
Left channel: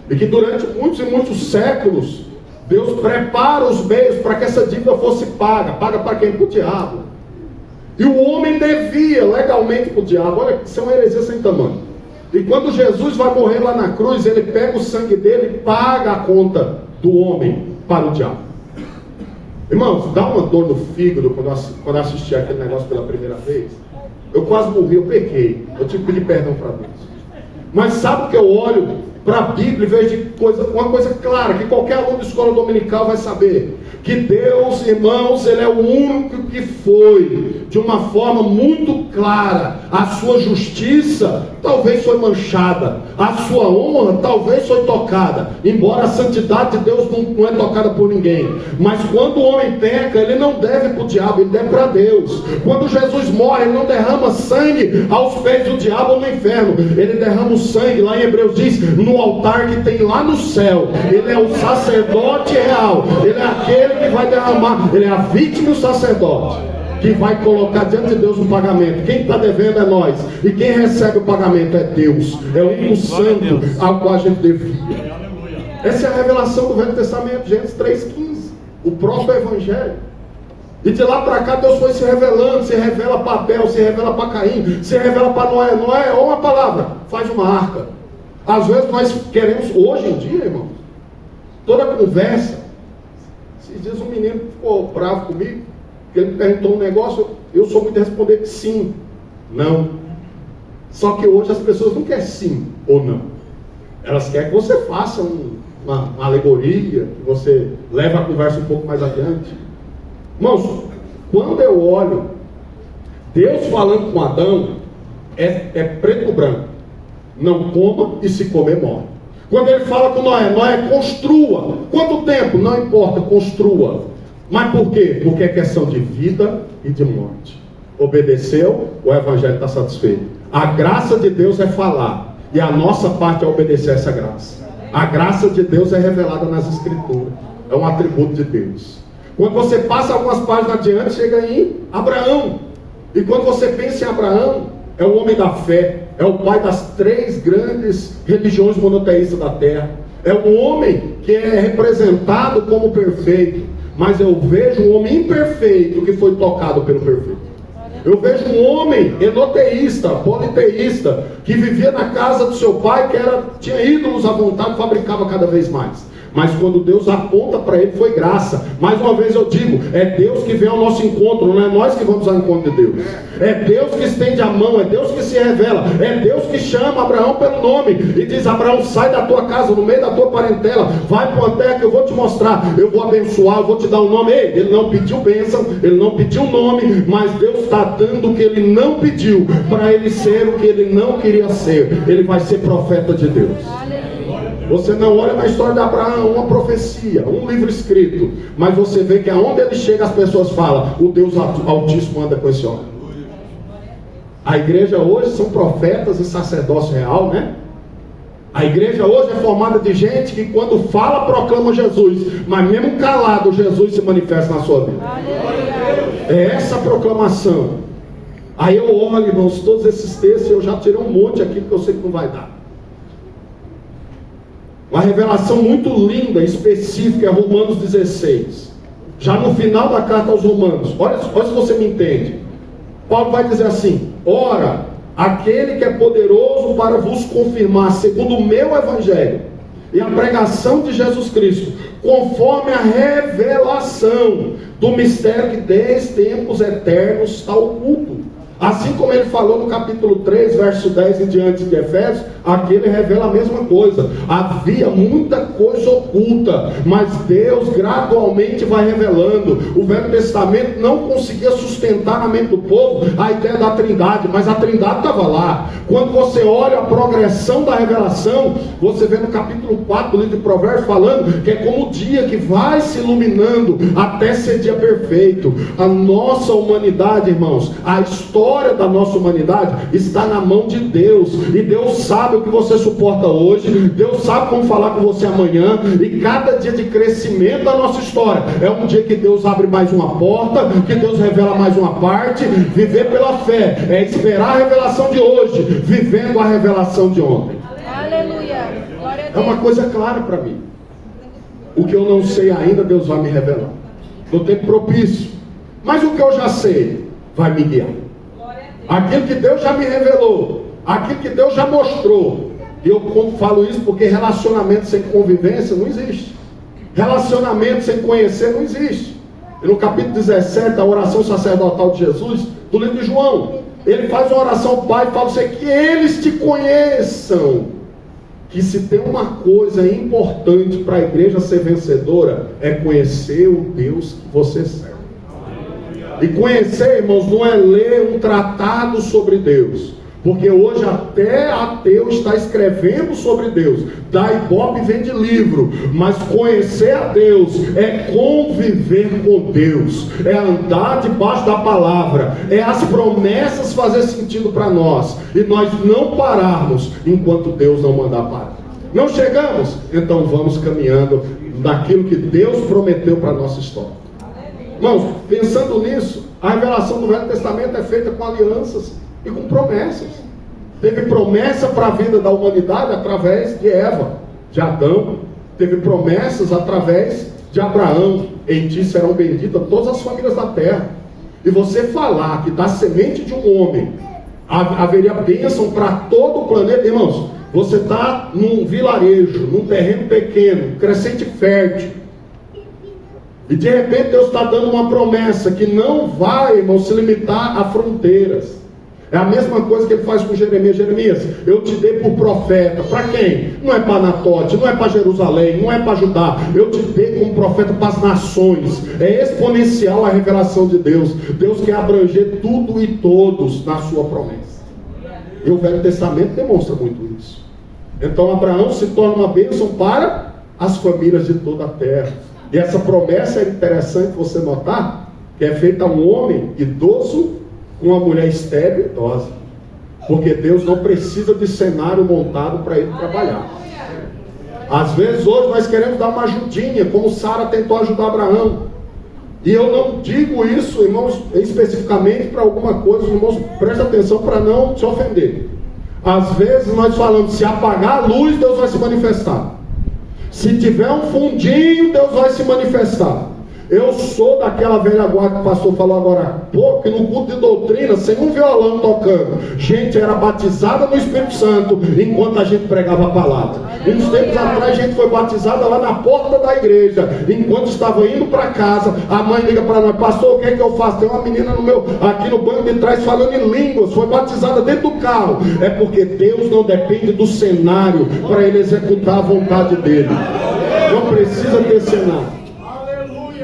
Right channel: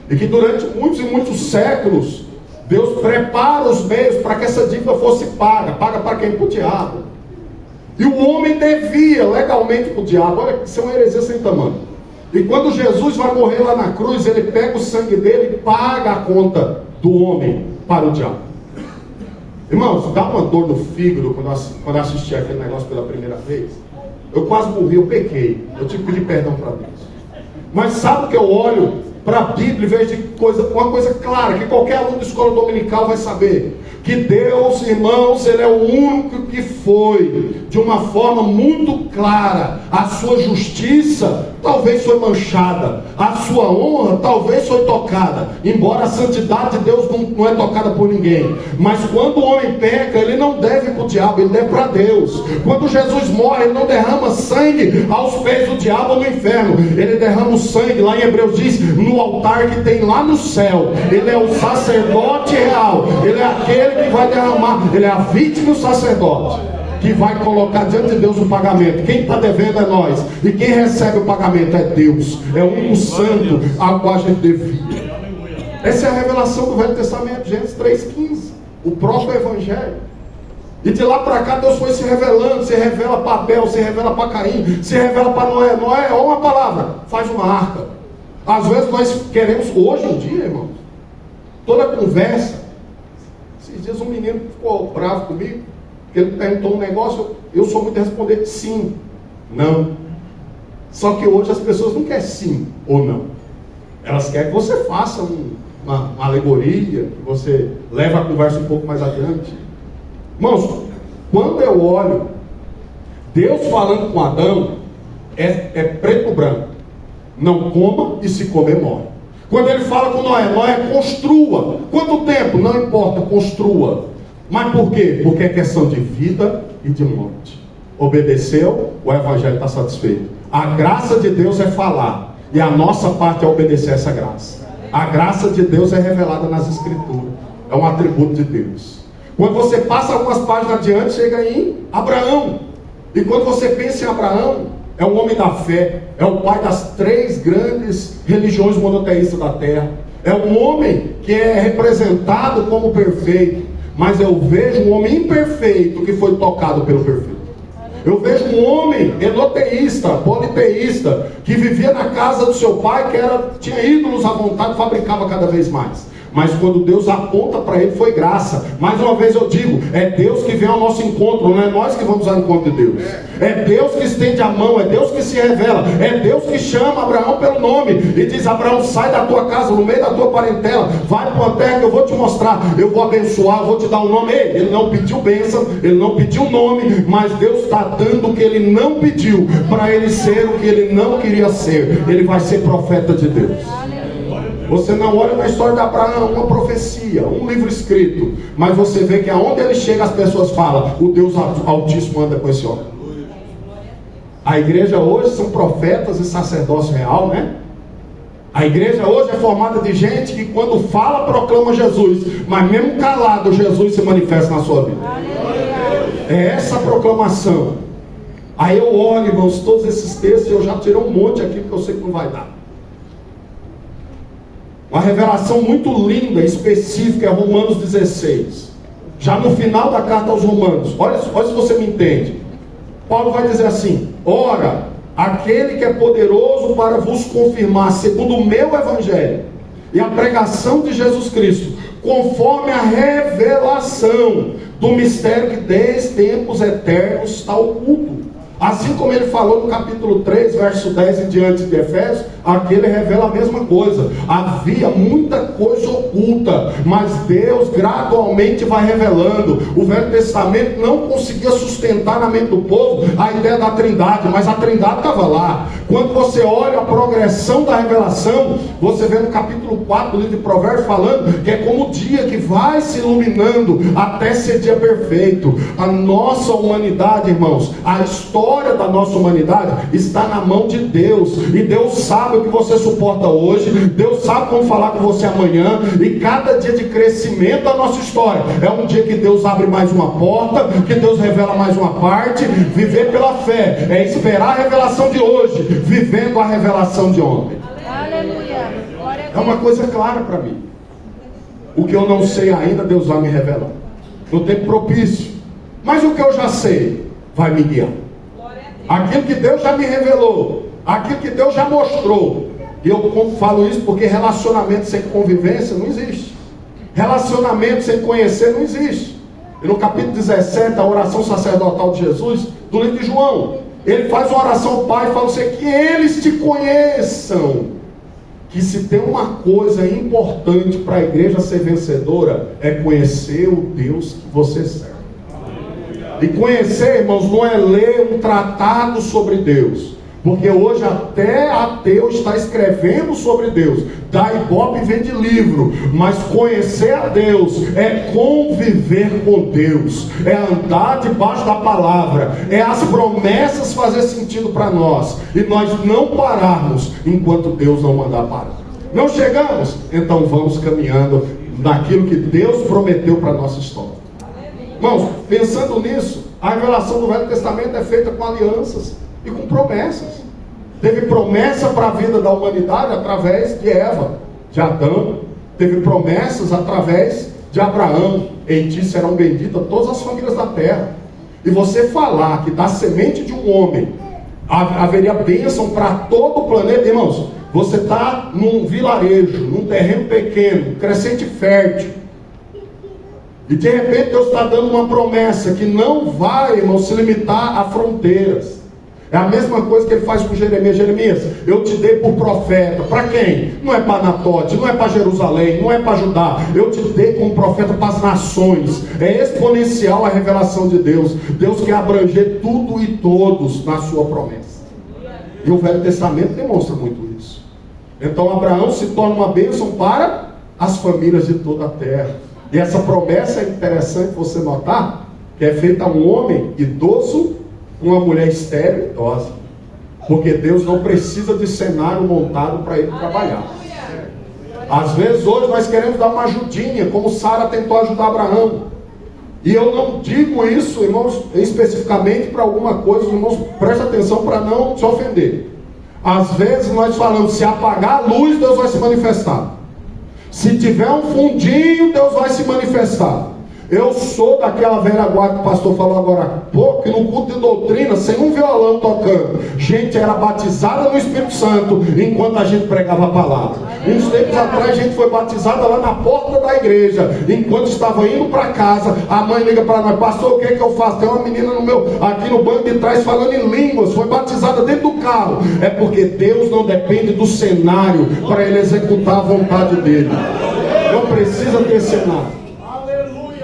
E que durante muitos e muitos séculos, Deus prepara os meios para que essa dívida fosse paga. Paga para quem? Para o diabo. E o homem devia legalmente para o diabo. Olha, isso é uma heresia sem tamanho. E quando Jesus vai morrer lá na cruz, ele pega o sangue dele e paga a conta do homem para o diabo. Irmãos, dá uma dor no fígado quando eu assisti aquele negócio pela primeira vez. Eu quase morri, eu pequei. Eu tive que pedir perdão para Deus. Mas sabe o que eu olho para a Bíblia, em vez de uma coisa clara, que qualquer aluno de escola dominical vai saber? Que Deus, irmãos, Ele é o único que foi, de uma forma muito clara, a sua justiça talvez foi manchada, a sua honra talvez foi tocada, embora a santidade de Deus não é tocada por ninguém. Mas quando o homem peca, ele não deve para o diabo, ele deve para Deus. Quando Jesus morre, ele não derrama sangue aos pés do diabo ou no inferno, ele derrama o sangue, lá em Hebreus diz, no altar que tem lá no céu. Ele é o sacerdote real, ele é aquele que vai derramar, ele é a vítima e o sacerdote que vai colocar diante de Deus o pagamento. Quem está devendo é nós, e quem recebe o pagamento é Deus, é o único santo ao qual a gente devia. Essa é a revelação do Velho Testamento, Gênesis 3,15, o próprio Evangelho. E de lá para cá Deus foi se revelando, se revela para Abel, se revela para Caim, se revela para Noé. Noé, ou uma palavra, faz uma arca. Às vezes nós queremos, hoje em dia, irmãos, toda conversa. Esses dias um menino ficou bravo comigo, porque ele perguntou um negócio, eu sou muito de responder sim, não. Só que hoje as pessoas não querem sim ou não. Elas querem que você faça uma alegoria, que você leve a conversa um pouco mais adiante. Irmãos, quando eu olho Deus falando com Adão, é preto ou branco. Não coma, e se comer morre. Quando ele fala com Noé, Noé, construa. Quanto tempo? Não importa, construa. Mas por quê? Porque é questão de vida e de morte. Obedeceu, o Evangelho está satisfeito. A graça de Deus é falar, e a nossa parte é obedecer essa graça. A graça de Deus é revelada nas Escrituras, é um atributo de Deus. Quando você passa algumas páginas adiante, chega em Abraão. E quando você pensa em Abraão, é um homem da fé, é o pai das 3 grandes religiões monoteístas da terra. É um homem que é representado como perfeito. Mas eu vejo um homem imperfeito que foi tocado pelo perfeito. Eu vejo um homem enoteísta, politeísta, que vivia na casa do seu pai, que tinha ídolos à vontade, fabricava cada vez mais. Mas quando Deus aponta para ele, foi graça. Mais uma vez eu digo, é Deus que vem ao nosso encontro, não é nós que vamos ao encontro de Deus. É Deus que estende a mão, é Deus que se revela, é Deus que chama Abraão pelo nome e diz: Abraão, sai da tua casa, no meio da tua parentela, vai para uma terra que eu vou te mostrar, eu vou abençoar, eu vou te dar um nome. Ele não pediu bênção, ele não pediu nome, mas Deus está dando o que ele não pediu, para ele ser o que ele não queria ser. Ele vai ser profeta de Deus. Você não olha na história de Abraão, uma profecia, um livro escrito, mas você vê que aonde ele chega as pessoas falam: o Deus Altíssimo anda com esse homem. A igreja hoje são profetas e sacerdócio real, né? A igreja hoje é formada de gente que quando fala proclama Jesus, mas mesmo calado Jesus se manifesta na sua vida. É essa proclamação. Aí eu olho, irmãos, todos esses textos, eu já tirei um monte aqui porque eu sei que não vai dar. Uma revelação muito linda, específica, é Romanos 16. Já no final da carta aos Romanos, olha se você me entende. Paulo vai dizer assim: ora, aquele que é poderoso para vos confirmar, segundo o meu evangelho, e a pregação de Jesus Cristo, conforme a revelação do mistério que desde tempos eternos está oculto. Assim como ele falou no capítulo 3, verso 10 em diante de Efésios, aqui ele revela a mesma coisa. Havia muita coisa oculta, mas Deus gradualmente vai revelando. O Velho Testamento não conseguia sustentar na mente do povo a ideia da Trindade, mas a Trindade estava lá. Quando você olha a progressão da revelação, você vê no capítulo 4 do livro de Provérbios falando que é como o dia que vai se iluminando até ser dia perfeito. A nossa humanidade, irmãos, a história da nossa humanidade está na mão de Deus, e Deus sabe o que você suporta hoje, Deus sabe como falar com você amanhã, e cada dia de crescimento da nossa história é um dia que Deus abre mais uma porta, que Deus revela mais uma parte. Viver pela fé é esperar a revelação de hoje, vivendo a revelação de ontem. É uma coisa clara para mim. O que eu não sei ainda, Deus vai me revelar no tempo propício, mas o que eu já sei vai me guiar. Aquilo que Deus já me revelou, aquilo que Deus já mostrou. E eu falo isso porque relacionamento sem convivência não existe. Relacionamento sem conhecer não existe. E no capítulo 17, a oração sacerdotal de Jesus, do livro de João, ele faz uma oração ao Pai e fala assim: que eles te conheçam. Que se tem uma coisa importante para a igreja ser vencedora, é conhecer o Deus que você serve. E conhecer, irmãos, não é ler um tratado sobre Deus, porque hoje até ateu está escrevendo sobre Deus, da Ibope vende livro. Mas conhecer a Deus é conviver com Deus, é andar debaixo da palavra, é as promessas fazer sentido para nós, e nós não pararmos enquanto Deus não mandar parar. Não chegamos? Então vamos caminhando naquilo que Deus prometeu para a nossa história. Irmãos, pensando nisso, a revelação do Velho Testamento é feita com alianças e com promessas. Teve promessa para a vida da humanidade através de Eva, de Adão. Teve promessas através de Abraão: em ti serão benditas todas as famílias da terra. E você falar que da semente de um homem haveria bênção para todo o planeta, irmãos, você está num vilarejo, num terreno pequeno, crescente fértil, e de repente Deus está dando uma promessa que não vai, irmão, se limitar a fronteiras. É a mesma coisa que ele faz com Jeremias. Jeremias, eu te dei por profeta. Para quem? Não é para Anatote, não é para Jerusalém, não é para Judá. Eu te dei como profeta para as nações. É exponencial a revelação de Deus. Deus quer abranger tudo e todos na sua promessa. E o Velho Testamento demonstra muito isso. Então Abraão se torna uma bênção para as famílias de toda a terra. E essa promessa é interessante você notar, que é feita a um homem idoso com uma mulher estéril e idosa. Porque Deus não precisa de cenário montado para ele trabalhar. Às vezes hoje nós queremos dar uma ajudinha, como Sara tentou ajudar Abraão. E eu não digo isso, irmãos, especificamente para alguma coisa, irmãos, presta atenção para não se ofender. Às vezes nós falamos: se apagar a luz, Deus vai se manifestar. Se tiver um fundinho, Deus vai se manifestar. Eu sou daquela velha guarda que o pastor falou agora há pouco, que no culto de doutrina, sem um violão tocando, gente era batizada no Espírito Santo enquanto a gente pregava a palavra. Uns tempos atrás a gente foi batizada lá na porta da igreja, enquanto estava indo para casa. A mãe liga para nós: pastor, o que é que eu faço? Tem uma menina aqui no banco de trás falando em línguas, foi batizada dentro do carro. É porque Deus não depende do cenário para ele executar a vontade dele. Não precisa ter cenário.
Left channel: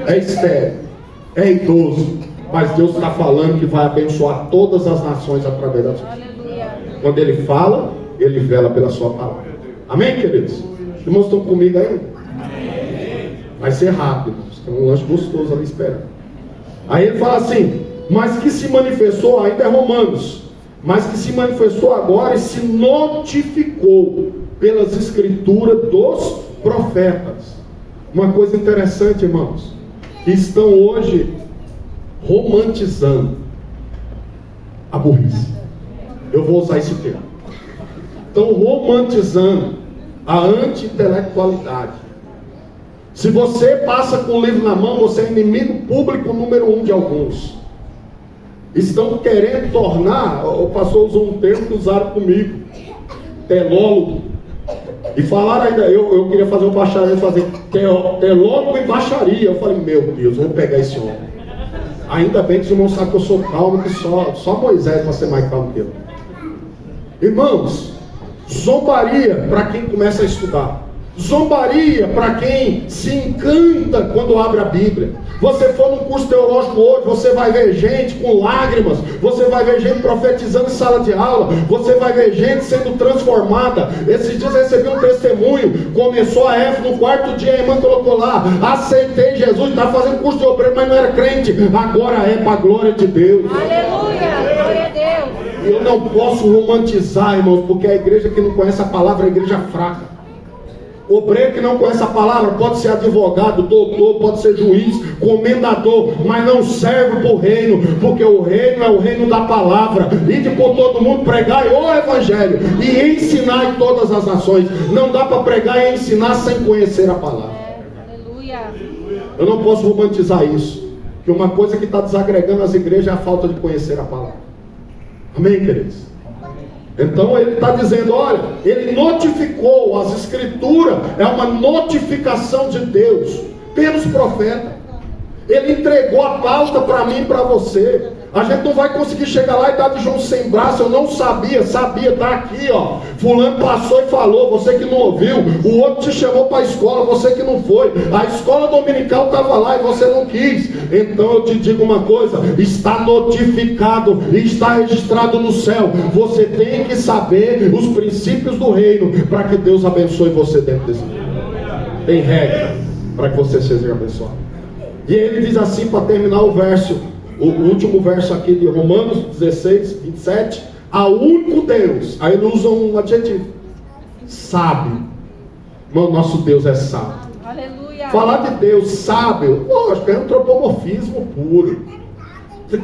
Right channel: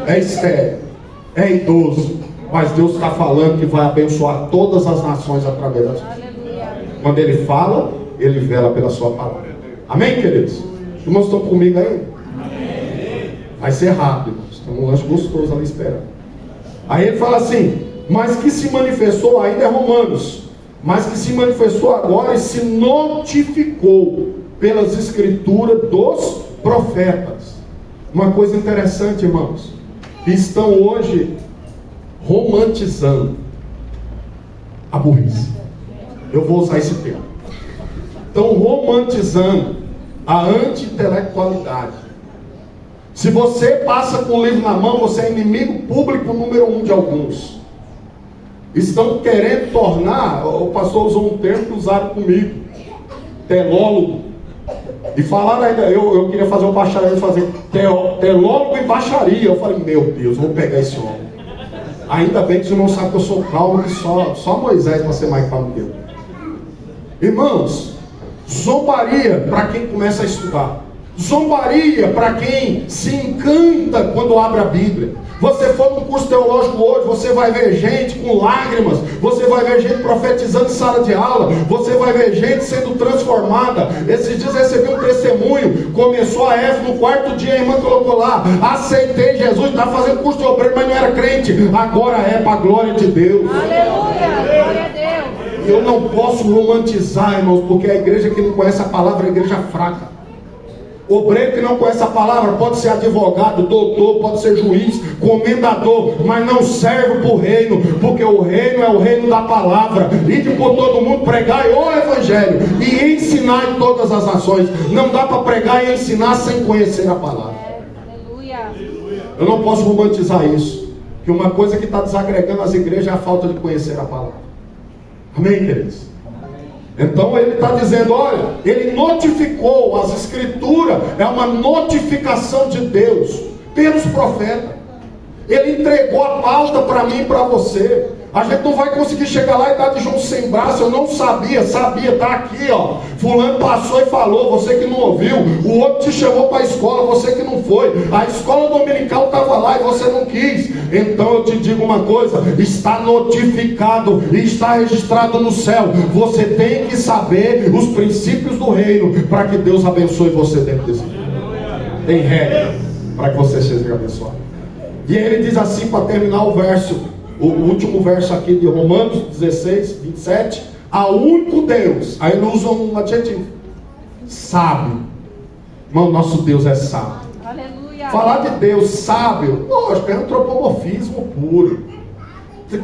É estéril, é idoso, mas Deus está falando que vai abençoar todas as nações através da sua vida. Quando Ele fala, Ele vela pela sua palavra. Amém, queridos? Os irmãos estão comigo aí? Vai ser rápido, tem um lanche gostoso ali esperando. Aí ele fala assim: mas que se manifestou, ainda é Romanos, mas que se manifestou agora e se notificou pelas escrituras dos profetas. Uma coisa interessante, irmãos, estão hoje romantizando a burrice. Eu vou usar esse termo. Estão romantizando a anti-intelectualidade. Se você passa com o livro na mão, você é inimigo público número 1 de alguns. Estão querendo tornar, o pastor usou um termo que usaram comigo, telólogo. E falaram ainda, eu queria fazer um bacharel, fazer teólogo e baixaria. Eu falei, meu Deus, vou pegar esse homem. Ainda bem que os irmãos sabem que eu sou calmo, que só Moisés vai ser mais calmo que eu. Irmãos, zombaria para quem começa a estudar. Zombaria para quem se encanta quando abre a Bíblia. Você for num curso teológico hoje, você vai ver gente com lágrimas, você vai ver gente profetizando em sala de aula, você vai ver gente sendo transformada. Esses dias eu recebi um testemunho, começou a F, no quarto dia a irmã colocou lá, aceitei Jesus, estava fazendo curso de obreiro, mas não era crente, agora é para a glória de Deus. Aleluia, glória a Deus. Eu não posso romantizar, irmãos, porque a igreja que não conhece a palavra é a igreja fraca. Obreiro que não conhece a palavra pode ser advogado, doutor, pode ser juiz, comendador, mas não serve para o reino, porque o reino é o reino da palavra. Ide por todo mundo, pregar o evangelho e ensinar em todas as nações. Não dá para pregar e ensinar sem conhecer a palavra. Eu não posso romantizar isso, que uma coisa que está desagregando as igrejas é a falta de conhecer a palavra. Amém, queridos? Então ele está dizendo, olha, ele notificou, as escrituras é uma notificação de Deus pelos profetas. Ele entregou a pauta para mim e para você. A gente não vai conseguir chegar lá e dar de João sem braço. Eu não sabia, está aqui, ó. Fulano passou e falou, você que não ouviu. O outro te chamou para a escola, você que não foi. A escola dominical estava lá e você não quis. Então eu te digo uma coisa, está notificado e está registrado no céu. Você tem que saber os princípios do reino para que Deus abençoe você dentro desse reino. Tem regra para que você seja abençoado. E ele diz assim, para terminar o último verso aqui de Romanos 16, 27, ao único Deus. Aí ele usa um adjetivo, sábio. Irmão, nosso Deus é sábio. Aleluia. Falar de Deus sábio, lógico, é antropomorfismo puro.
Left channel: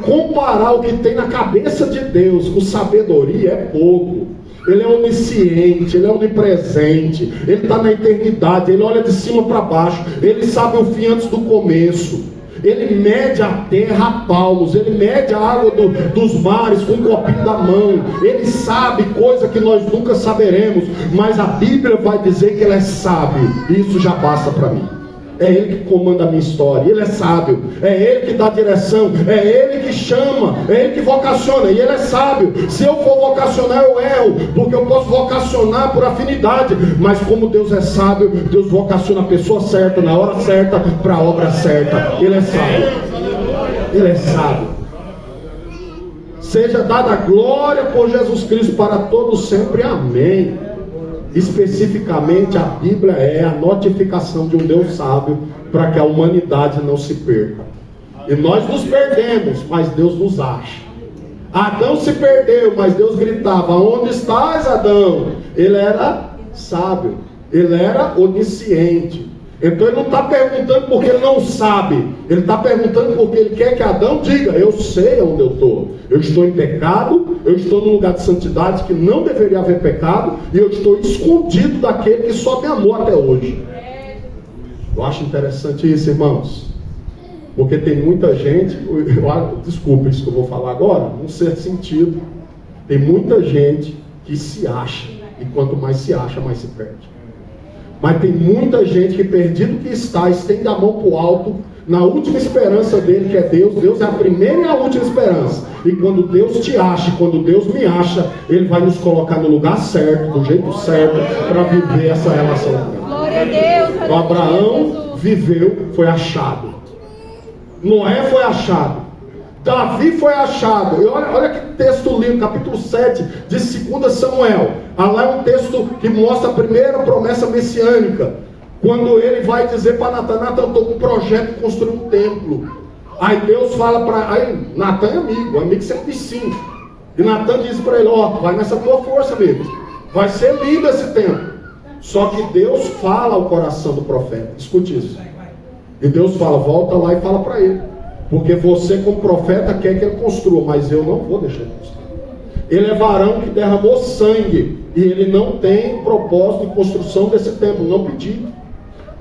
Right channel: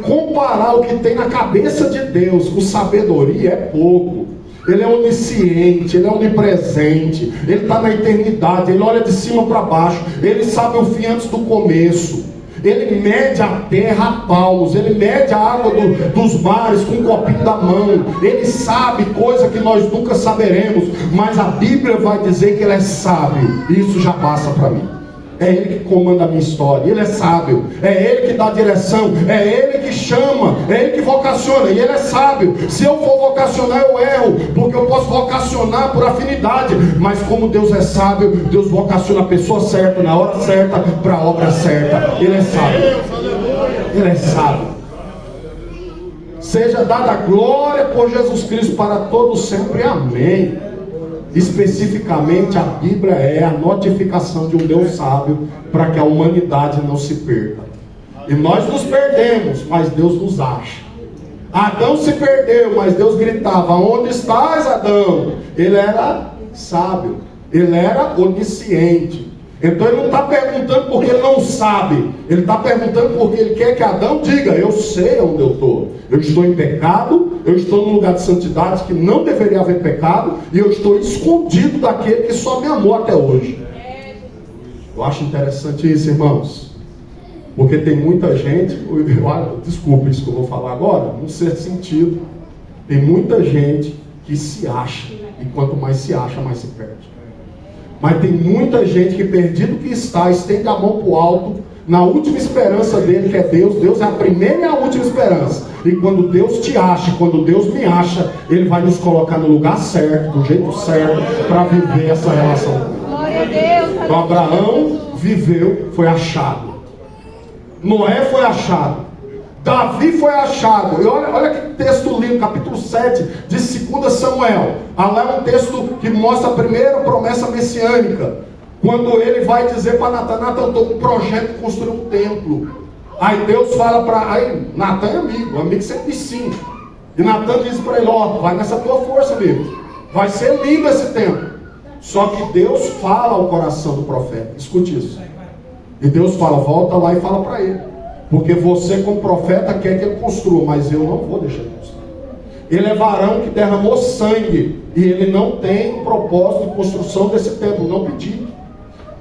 Comparar o que tem na cabeça de Deus com sabedoria é pouco. Ele é onisciente, ele é onipresente, ele está na eternidade, ele olha de cima para baixo, ele sabe o fim antes do começo. Ele mede a terra a palmos, ele mede a água dos mares com um copinho da mão. Ele sabe coisa que nós nunca saberemos, mas a Bíblia vai dizer que ele é sábio. Isso já passa para mim. É ele que comanda a minha história, ele é sábio, é ele que dá direção, é ele que chama, é ele que vocaciona, e ele é sábio. Se eu for vocacionar eu erro, porque eu posso vocacionar por afinidade, mas como Deus é sábio, Deus vocaciona a pessoa certa, na hora certa, para a obra certa. Ele é sábio, ele é sábio. Seja dada glória por Jesus Cristo para todos sempre, amém. Especificamente a Bíblia é a notificação de um Deus sábio para que a humanidade não se perca. E nós nos perdemos, mas Deus nos acha. Adão se perdeu, mas Deus gritava, onde estás, Adão? Ele era sábio, ele era onisciente. Então ele não está perguntando porque ele não sabe, ele está perguntando porque ele quer que Adão diga, eu sei onde eu estou. Eu estou em pecado, eu estou num lugar de santidade que não deveria haver pecado, e eu estou escondido daquele que só me amou até hoje. Eu acho interessante isso, irmãos, porque tem muita gente, desculpa isso que eu vou falar agora, num certo sentido, tem muita gente que se acha, e quanto mais se acha, mais se perde. Mas tem muita gente que, perdido que está, estende a mão para o alto, na última esperança dele, que é Deus. Deus é a primeira e a última esperança. E quando Deus te acha, quando Deus me acha, Ele vai nos colocar no lugar certo, do jeito certo, para viver essa relação. Glória a Deus. Então Abraão viveu, foi achado. Noé foi achado. Davi foi achado. Olha que texto lindo, capítulo 7 de 2 Samuel. Lá é um texto que mostra a primeira promessa messiânica. Quando ele vai dizer para Natan, Natan, estou com um projeto de construir um templo. Aí Deus fala para... Aí Natan é amigo sempre ensina. E Natan diz para ele, vai nessa tua força, amigo. Vai ser lindo esse templo. Só que Deus fala ao coração do profeta. Escute isso. E Deus fala, volta lá e fala para ele. Porque você como profeta quer que ele construa, mas eu não vou deixar ele construir. Ele é varão que derramou sangue, e ele não tem propósito de construção desse templo, não pediu.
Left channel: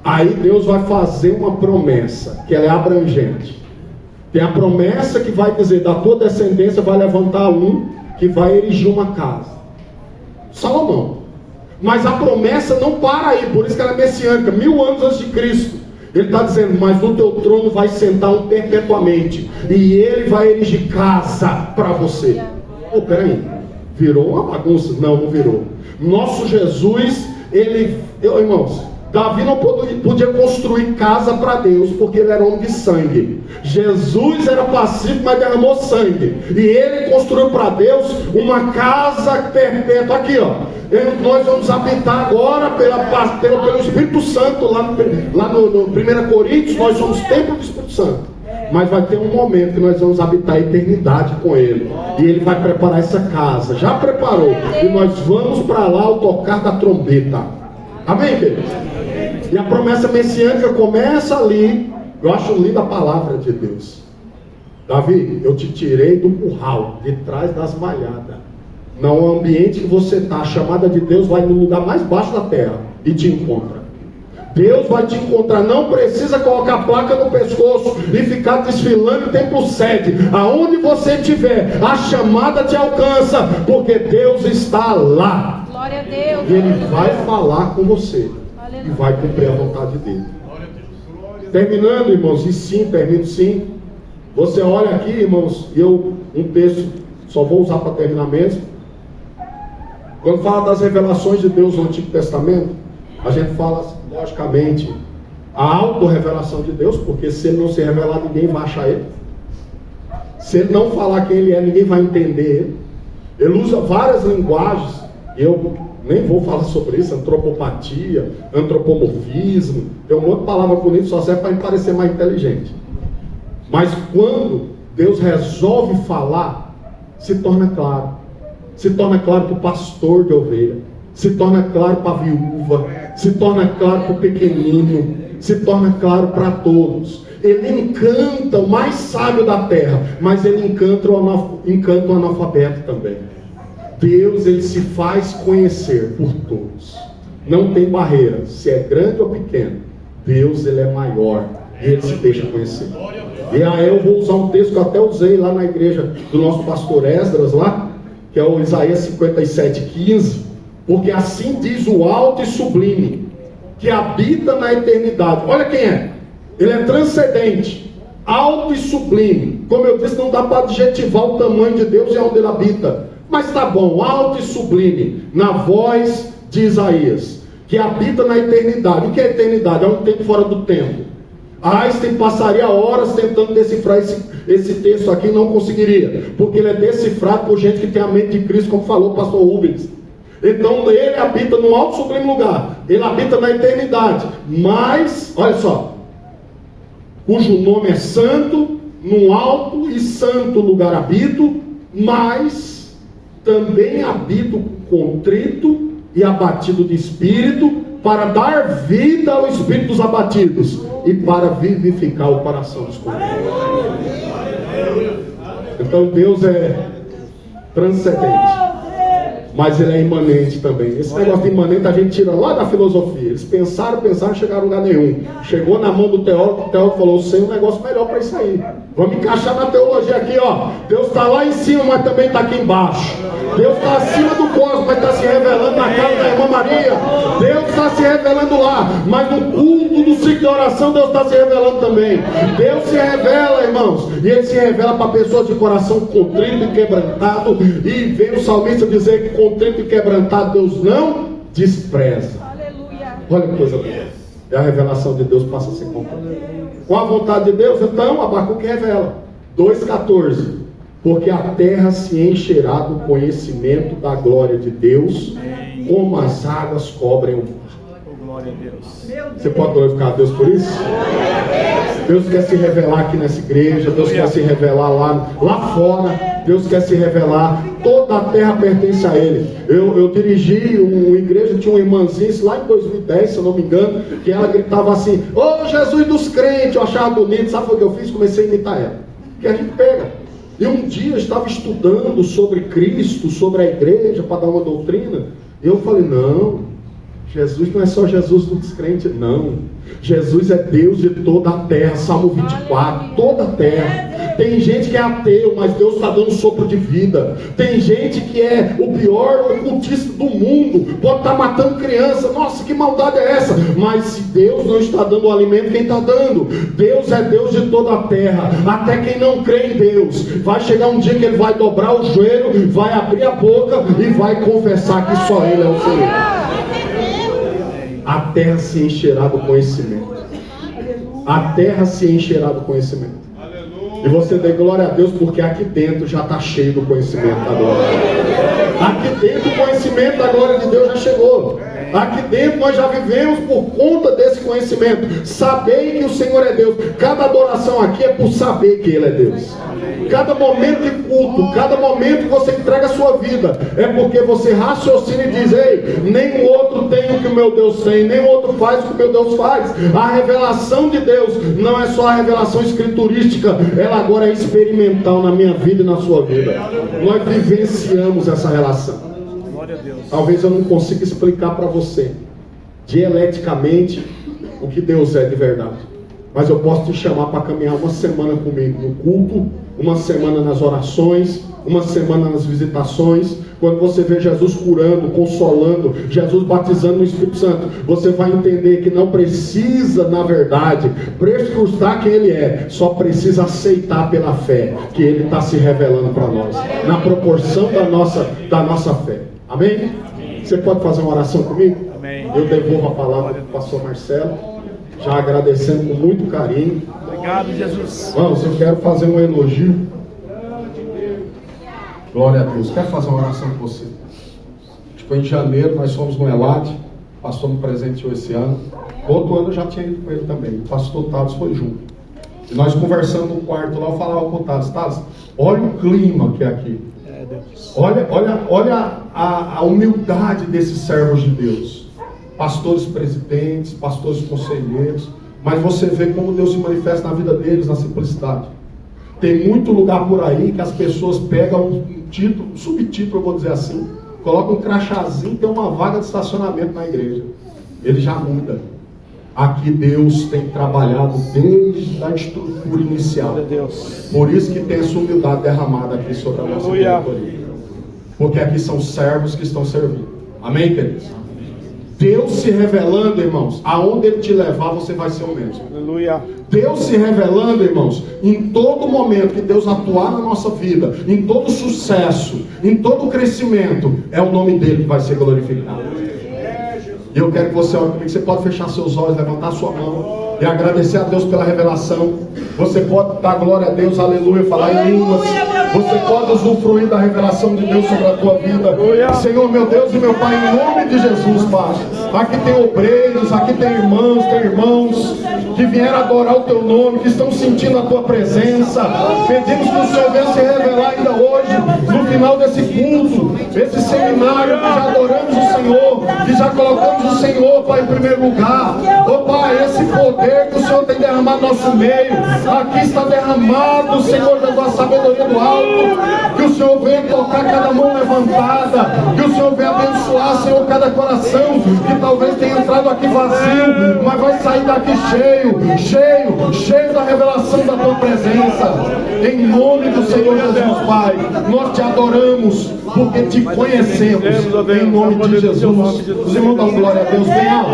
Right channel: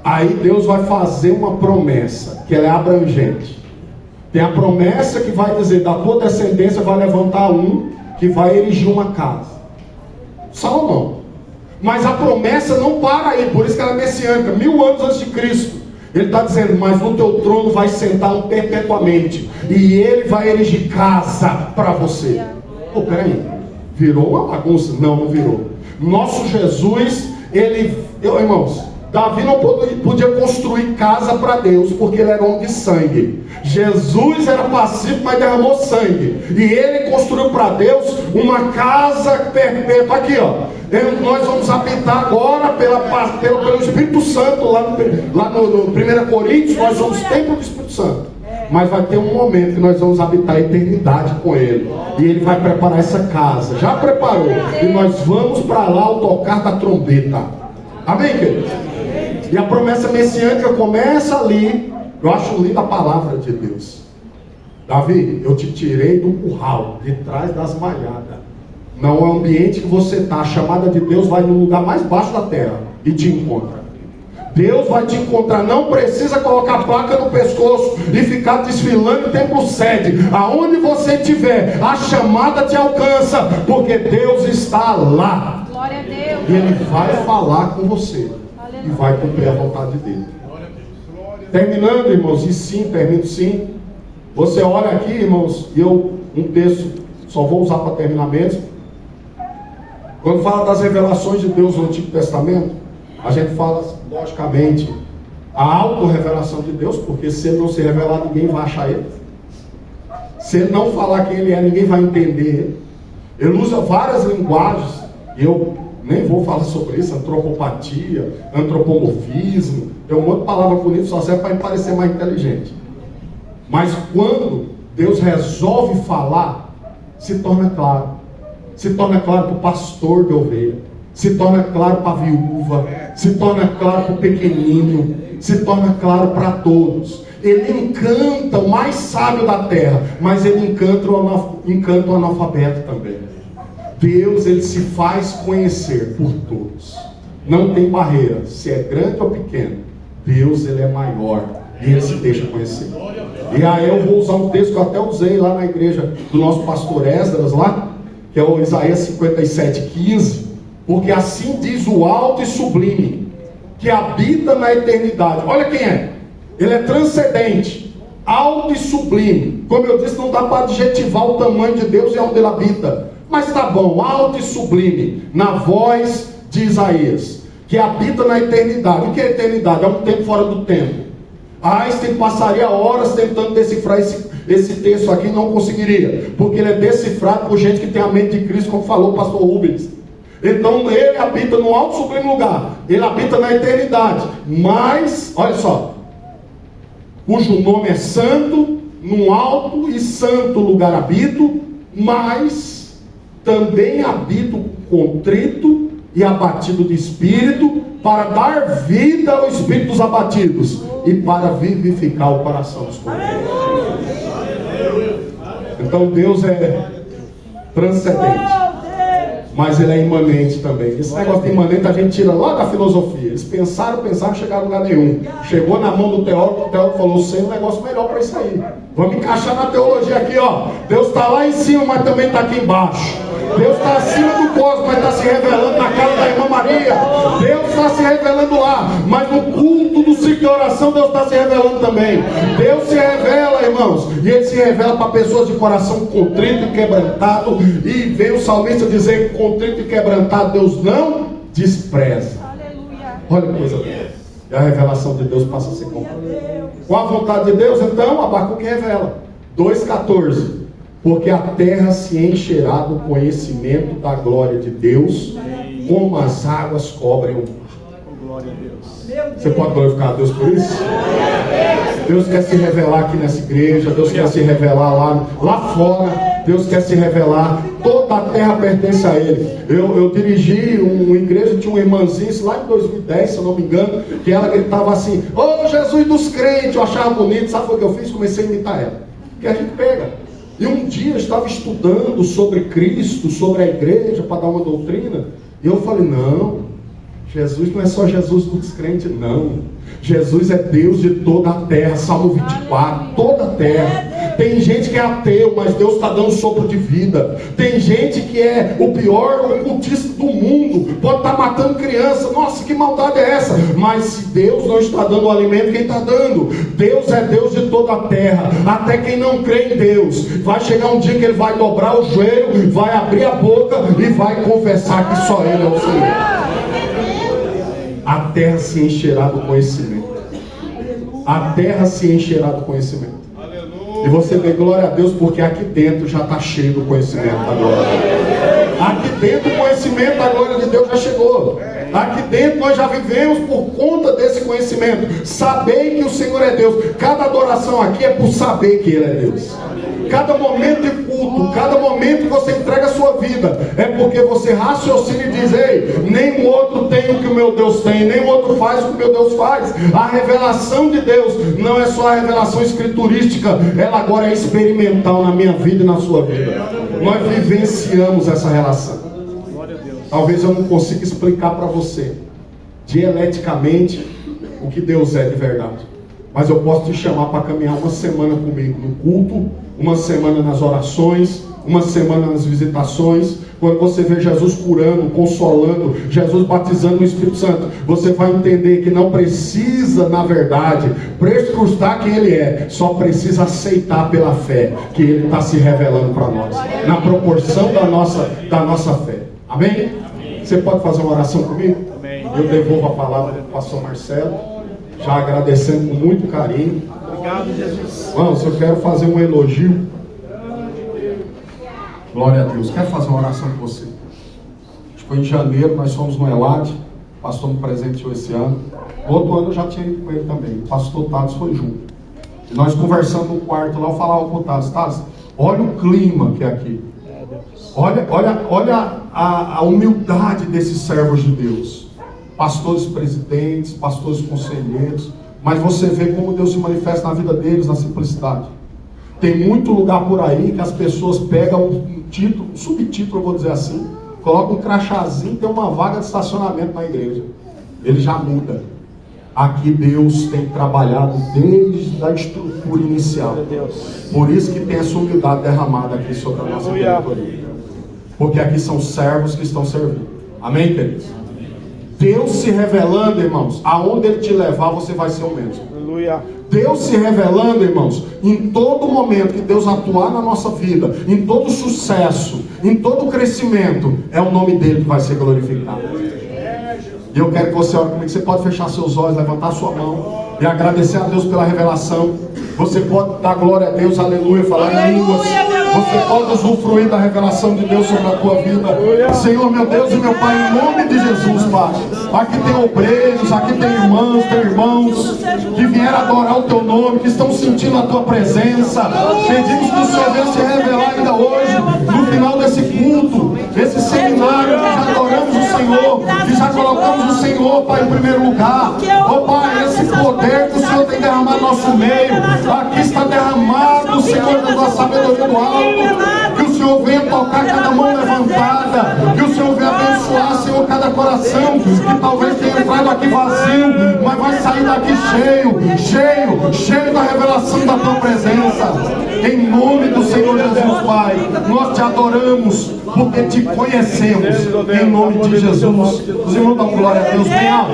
Aí Deus vai fazer uma promessa, que ela é abrangente. Tem a promessa que vai dizer, da tua descendência vai levantar um, que vai erigir uma casa. Salomão. Mas a promessa não para aí, por isso que ela é messiânica, 1000 anos antes de Cristo. Ele está dizendo, mas no teu trono vai sentar um perpetuamente, e ele vai erigir casa para você. Peraí, virou uma bagunça? Não, não virou. Nosso Jesus, irmãos, Davi não podia construir casa para Deus, porque ele era homem de sangue. Jesus era pacífico, mas derramou sangue. E ele construiu para Deus uma casa perpétua. Aqui, ó. Nós vamos habitar agora pelo Espírito Santo. Lá no 1 Coríntios, nós somos templo do Espírito Santo. Mas vai ter um momento que nós vamos habitar a eternidade com Ele. E Ele vai preparar essa casa. Já preparou. E nós vamos para lá ao tocar da trombeta. Amém, queridos? E a promessa messiânica começa ali. Eu acho linda a palavra de Deus. Davi, eu te tirei do curral, de trás das malhadas. Não é o ambiente que você está. A chamada de Deus vai no lugar mais baixo da terra e te encontra. Deus vai te encontrar. Não precisa colocar placa no pescoço e ficar desfilando em templo sede. Aonde você estiver, a chamada te alcança, porque Deus está lá. Glória a Deus. E Ele vai falar com você. E vai cumprir a vontade dele. Terminando, irmãos, e sim, termino sim. Você olha aqui, irmãos, e um texto, só vou usar para terminar mesmo. Quando fala das revelações de Deus no Antigo Testamento, a gente fala, logicamente, a autorrevelação de Deus, porque se Ele não se revelar, ninguém vai achar Ele. Se Ele não falar quem Ele é, ninguém vai entender Ele. Ele usa várias linguagens, e eu nem vou falar sobre isso, antropopatia, antropomorfismo, tem um monte de palavra bonita, só serve para ele parecer mais inteligente. Mas quando Deus resolve falar, se torna claro. Se torna claro para o pastor de ovelha, se torna claro para a viúva, se torna claro para o pequenino, se torna claro para todos. Ele encanta o mais sábio da terra, mas ele encanta o analfabeto também. Deus, ele se faz conhecer por todos. Não tem barreira, se é grande ou pequeno. Deus, ele é maior e ele se deixa conhecer. E aí eu vou usar um texto que eu até usei lá na igreja do nosso pastor Esdras lá, que é o Isaías 57:15, porque assim diz o alto e sublime, que habita na eternidade. Olha quem é. Ele é transcendente, alto e sublime. Como eu disse, não dá para adjetivar o tamanho de Deus e onde ele habita. Mas tá bom, alto e sublime, na voz de Isaías, que habita na eternidade. O que é eternidade? É um tempo fora do tempo. Einstein passaria horas tentando decifrar esse texto aqui e não conseguiria, porque ele é decifrado por gente que tem a mente de Cristo, como falou o pastor Rubens. Então ele habita no alto e sublime lugar, ele habita na eternidade, mas, olha só, cujo nome é santo, num alto e santo lugar habito, mas também habito contrito e abatido de espírito, para dar vida ao espírito dos abatidos e para vivificar o coração dos contritos. Então Deus é transcendente, mas ele é imanente também. Esse negócio de imanente a gente tira lá da filosofia. Eles pensaram, chegaram a lugar nenhum. Chegou na mão do teólogo, o teólogo falou: sei um negócio melhor para isso aí. Vamos encaixar na teologia aqui, ó. Deus está lá em cima, mas também está aqui embaixo. Deus está acima do cosmos, mas está se revelando na casa da irmã Maria. Deus está se revelando lá, mas no culto do ciclo de oração, Deus está se revelando também. Deus se revela, irmãos, e Ele se revela para pessoas de coração contrito e quebrantado. E vem o salmista dizer que contrito e quebrantado Deus não despreza. Olha que coisa boa. E a revelação de Deus passa a ser completa. Com a vontade de Deus, então, Abacuque revela 2,14. Porque a terra se encherá do conhecimento da glória de Deus, como as águas cobrem o mar. Você pode glorificar a Deus por isso? Deus quer se revelar aqui nessa igreja, Deus quer se revelar lá fora, Deus quer se revelar. Toda a terra pertence a Ele. Eu dirigi uma igreja, tinha uma irmãzinha, lá em 2010, se eu não me engano, que ela gritava assim: ô Jesus dos crentes. Eu achava bonito, sabe o que eu fiz? Comecei a imitar ela. Que a gente pega. E um dia eu estava estudando sobre Cristo, sobre a igreja, para dar uma doutrina, e eu falei: não, Jesus não é só Jesus do descrente, não. Jesus é Deus de toda a terra, Salmo 24, toda a terra. Tem gente que é ateu, mas Deus está dando sopro de vida. Tem gente que é o pior ocultista do mundo, pode estar matando criança. Nossa, que maldade é essa? Mas se Deus não está dando o alimento, quem está dando? Deus é Deus de toda a terra. Até quem não crê em Deus, vai chegar um dia que ele vai dobrar o joelho, vai abrir a boca e vai confessar que só Ele é o Senhor. A terra se encherá do conhecimento. A terra se encherá do conhecimento. E você dê glória a Deus, porque aqui dentro já está cheio do conhecimento da glória. Aqui dentro o conhecimento da glória de Deus já chegou. Aqui dentro nós já vivemos por conta desse conhecimento. Saber que o Senhor é Deus. Cada adoração aqui é por saber que Ele é Deus. Cada momento de culto, cada momento que você entrega a sua vida, é porque você raciocina e diz: ei, nem o outro tem o que o meu Deus tem, nem o outro faz o que o meu Deus faz. A revelação de Deus não é só a revelação escriturística, ela agora é experimental na minha vida e na sua vida. Nós vivenciamos essa relação. Talvez eu não consiga explicar para você dialeticamente o que Deus é de verdade, mas eu posso te chamar para caminhar uma semana comigo no culto, uma semana nas orações, uma semana nas visitações. Quando você vê Jesus curando, consolando, Jesus batizando no Espírito Santo, você vai entender que não precisa, na verdade, prescrutar quem Ele é, só precisa aceitar pela fé que Ele está se revelando para nós, na proporção da nossa fé. Amém? Você pode fazer uma oração comigo? Amém. Eu devolvo a palavra para o pastor Marcelo, já agradecendo com muito carinho. Obrigado, Jesus. Vamos, eu quero fazer um elogio. Glória a Deus. Quero fazer uma oração com você. Foi em janeiro, nós fomos no Elad. O pastor me presenteou esse ano. Outro ano eu já tinha ido com ele também. O pastor Tados foi junto. E nós conversando no quarto lá, eu falava com o Tados: Tados, olha o clima que é aqui. Olha a humildade desses servos de Deus. Pastores presidentes, pastores conselheiros. Mas você vê como Deus se manifesta na vida deles, na simplicidade. Tem muito lugar por aí que as pessoas pegam um título, um subtítulo, eu vou dizer assim, colocam um crachazinho e tem uma vaga de estacionamento na igreja. Ele já muda. Aqui Deus tem trabalhado desde a estrutura inicial. Por isso que tem essa humildade derramada aqui sobre a nossa diretoria. Porque aqui são servos que estão servindo. Amém, queridos? Deus se revelando, irmãos, aonde Ele te levar, você vai ser o mesmo. Aleluia. Deus se revelando, irmãos, em todo momento que Deus atuar na nossa vida, em todo sucesso, em todo crescimento, é o nome dEle que vai ser glorificado. E eu quero que você ore comigo. Você pode fechar seus olhos, levantar sua mão e agradecer a Deus pela revelação. Você pode dar glória a Deus, aleluia, falar em línguas. Você pode usufruir da revelação de Deus sobre a tua vida. Senhor, meu Deus e meu Pai, em nome de Jesus, Pai. Aqui tem obreiros, aqui tem irmãs, tem irmãos que vieram adorar o Teu nome, que estão sentindo a Tua presença. Pedimos que o Senhor venha se revelar ainda hoje, no final desse culto, esse seminário, que já adoramos o Senhor, que já colocamos o Senhor, Pai, em primeiro lugar. Oh, Pai, esse poder que o Senhor tem derramado no nosso meio, aqui está derramado, Senhor, da tua sabedoria do alto. Que o Senhor venha tocar cada mão levantada, que o Senhor venha abençoar, Senhor, cada coração que talvez tenha entrado aqui vazio, mas vai sair daqui cheio da revelação da tua presença. Em nome do Senhor Jesus, Pai, nós te adoramos porque te conhecemos. Em nome de Jesus. Os irmãos dão glória a Deus bem alto.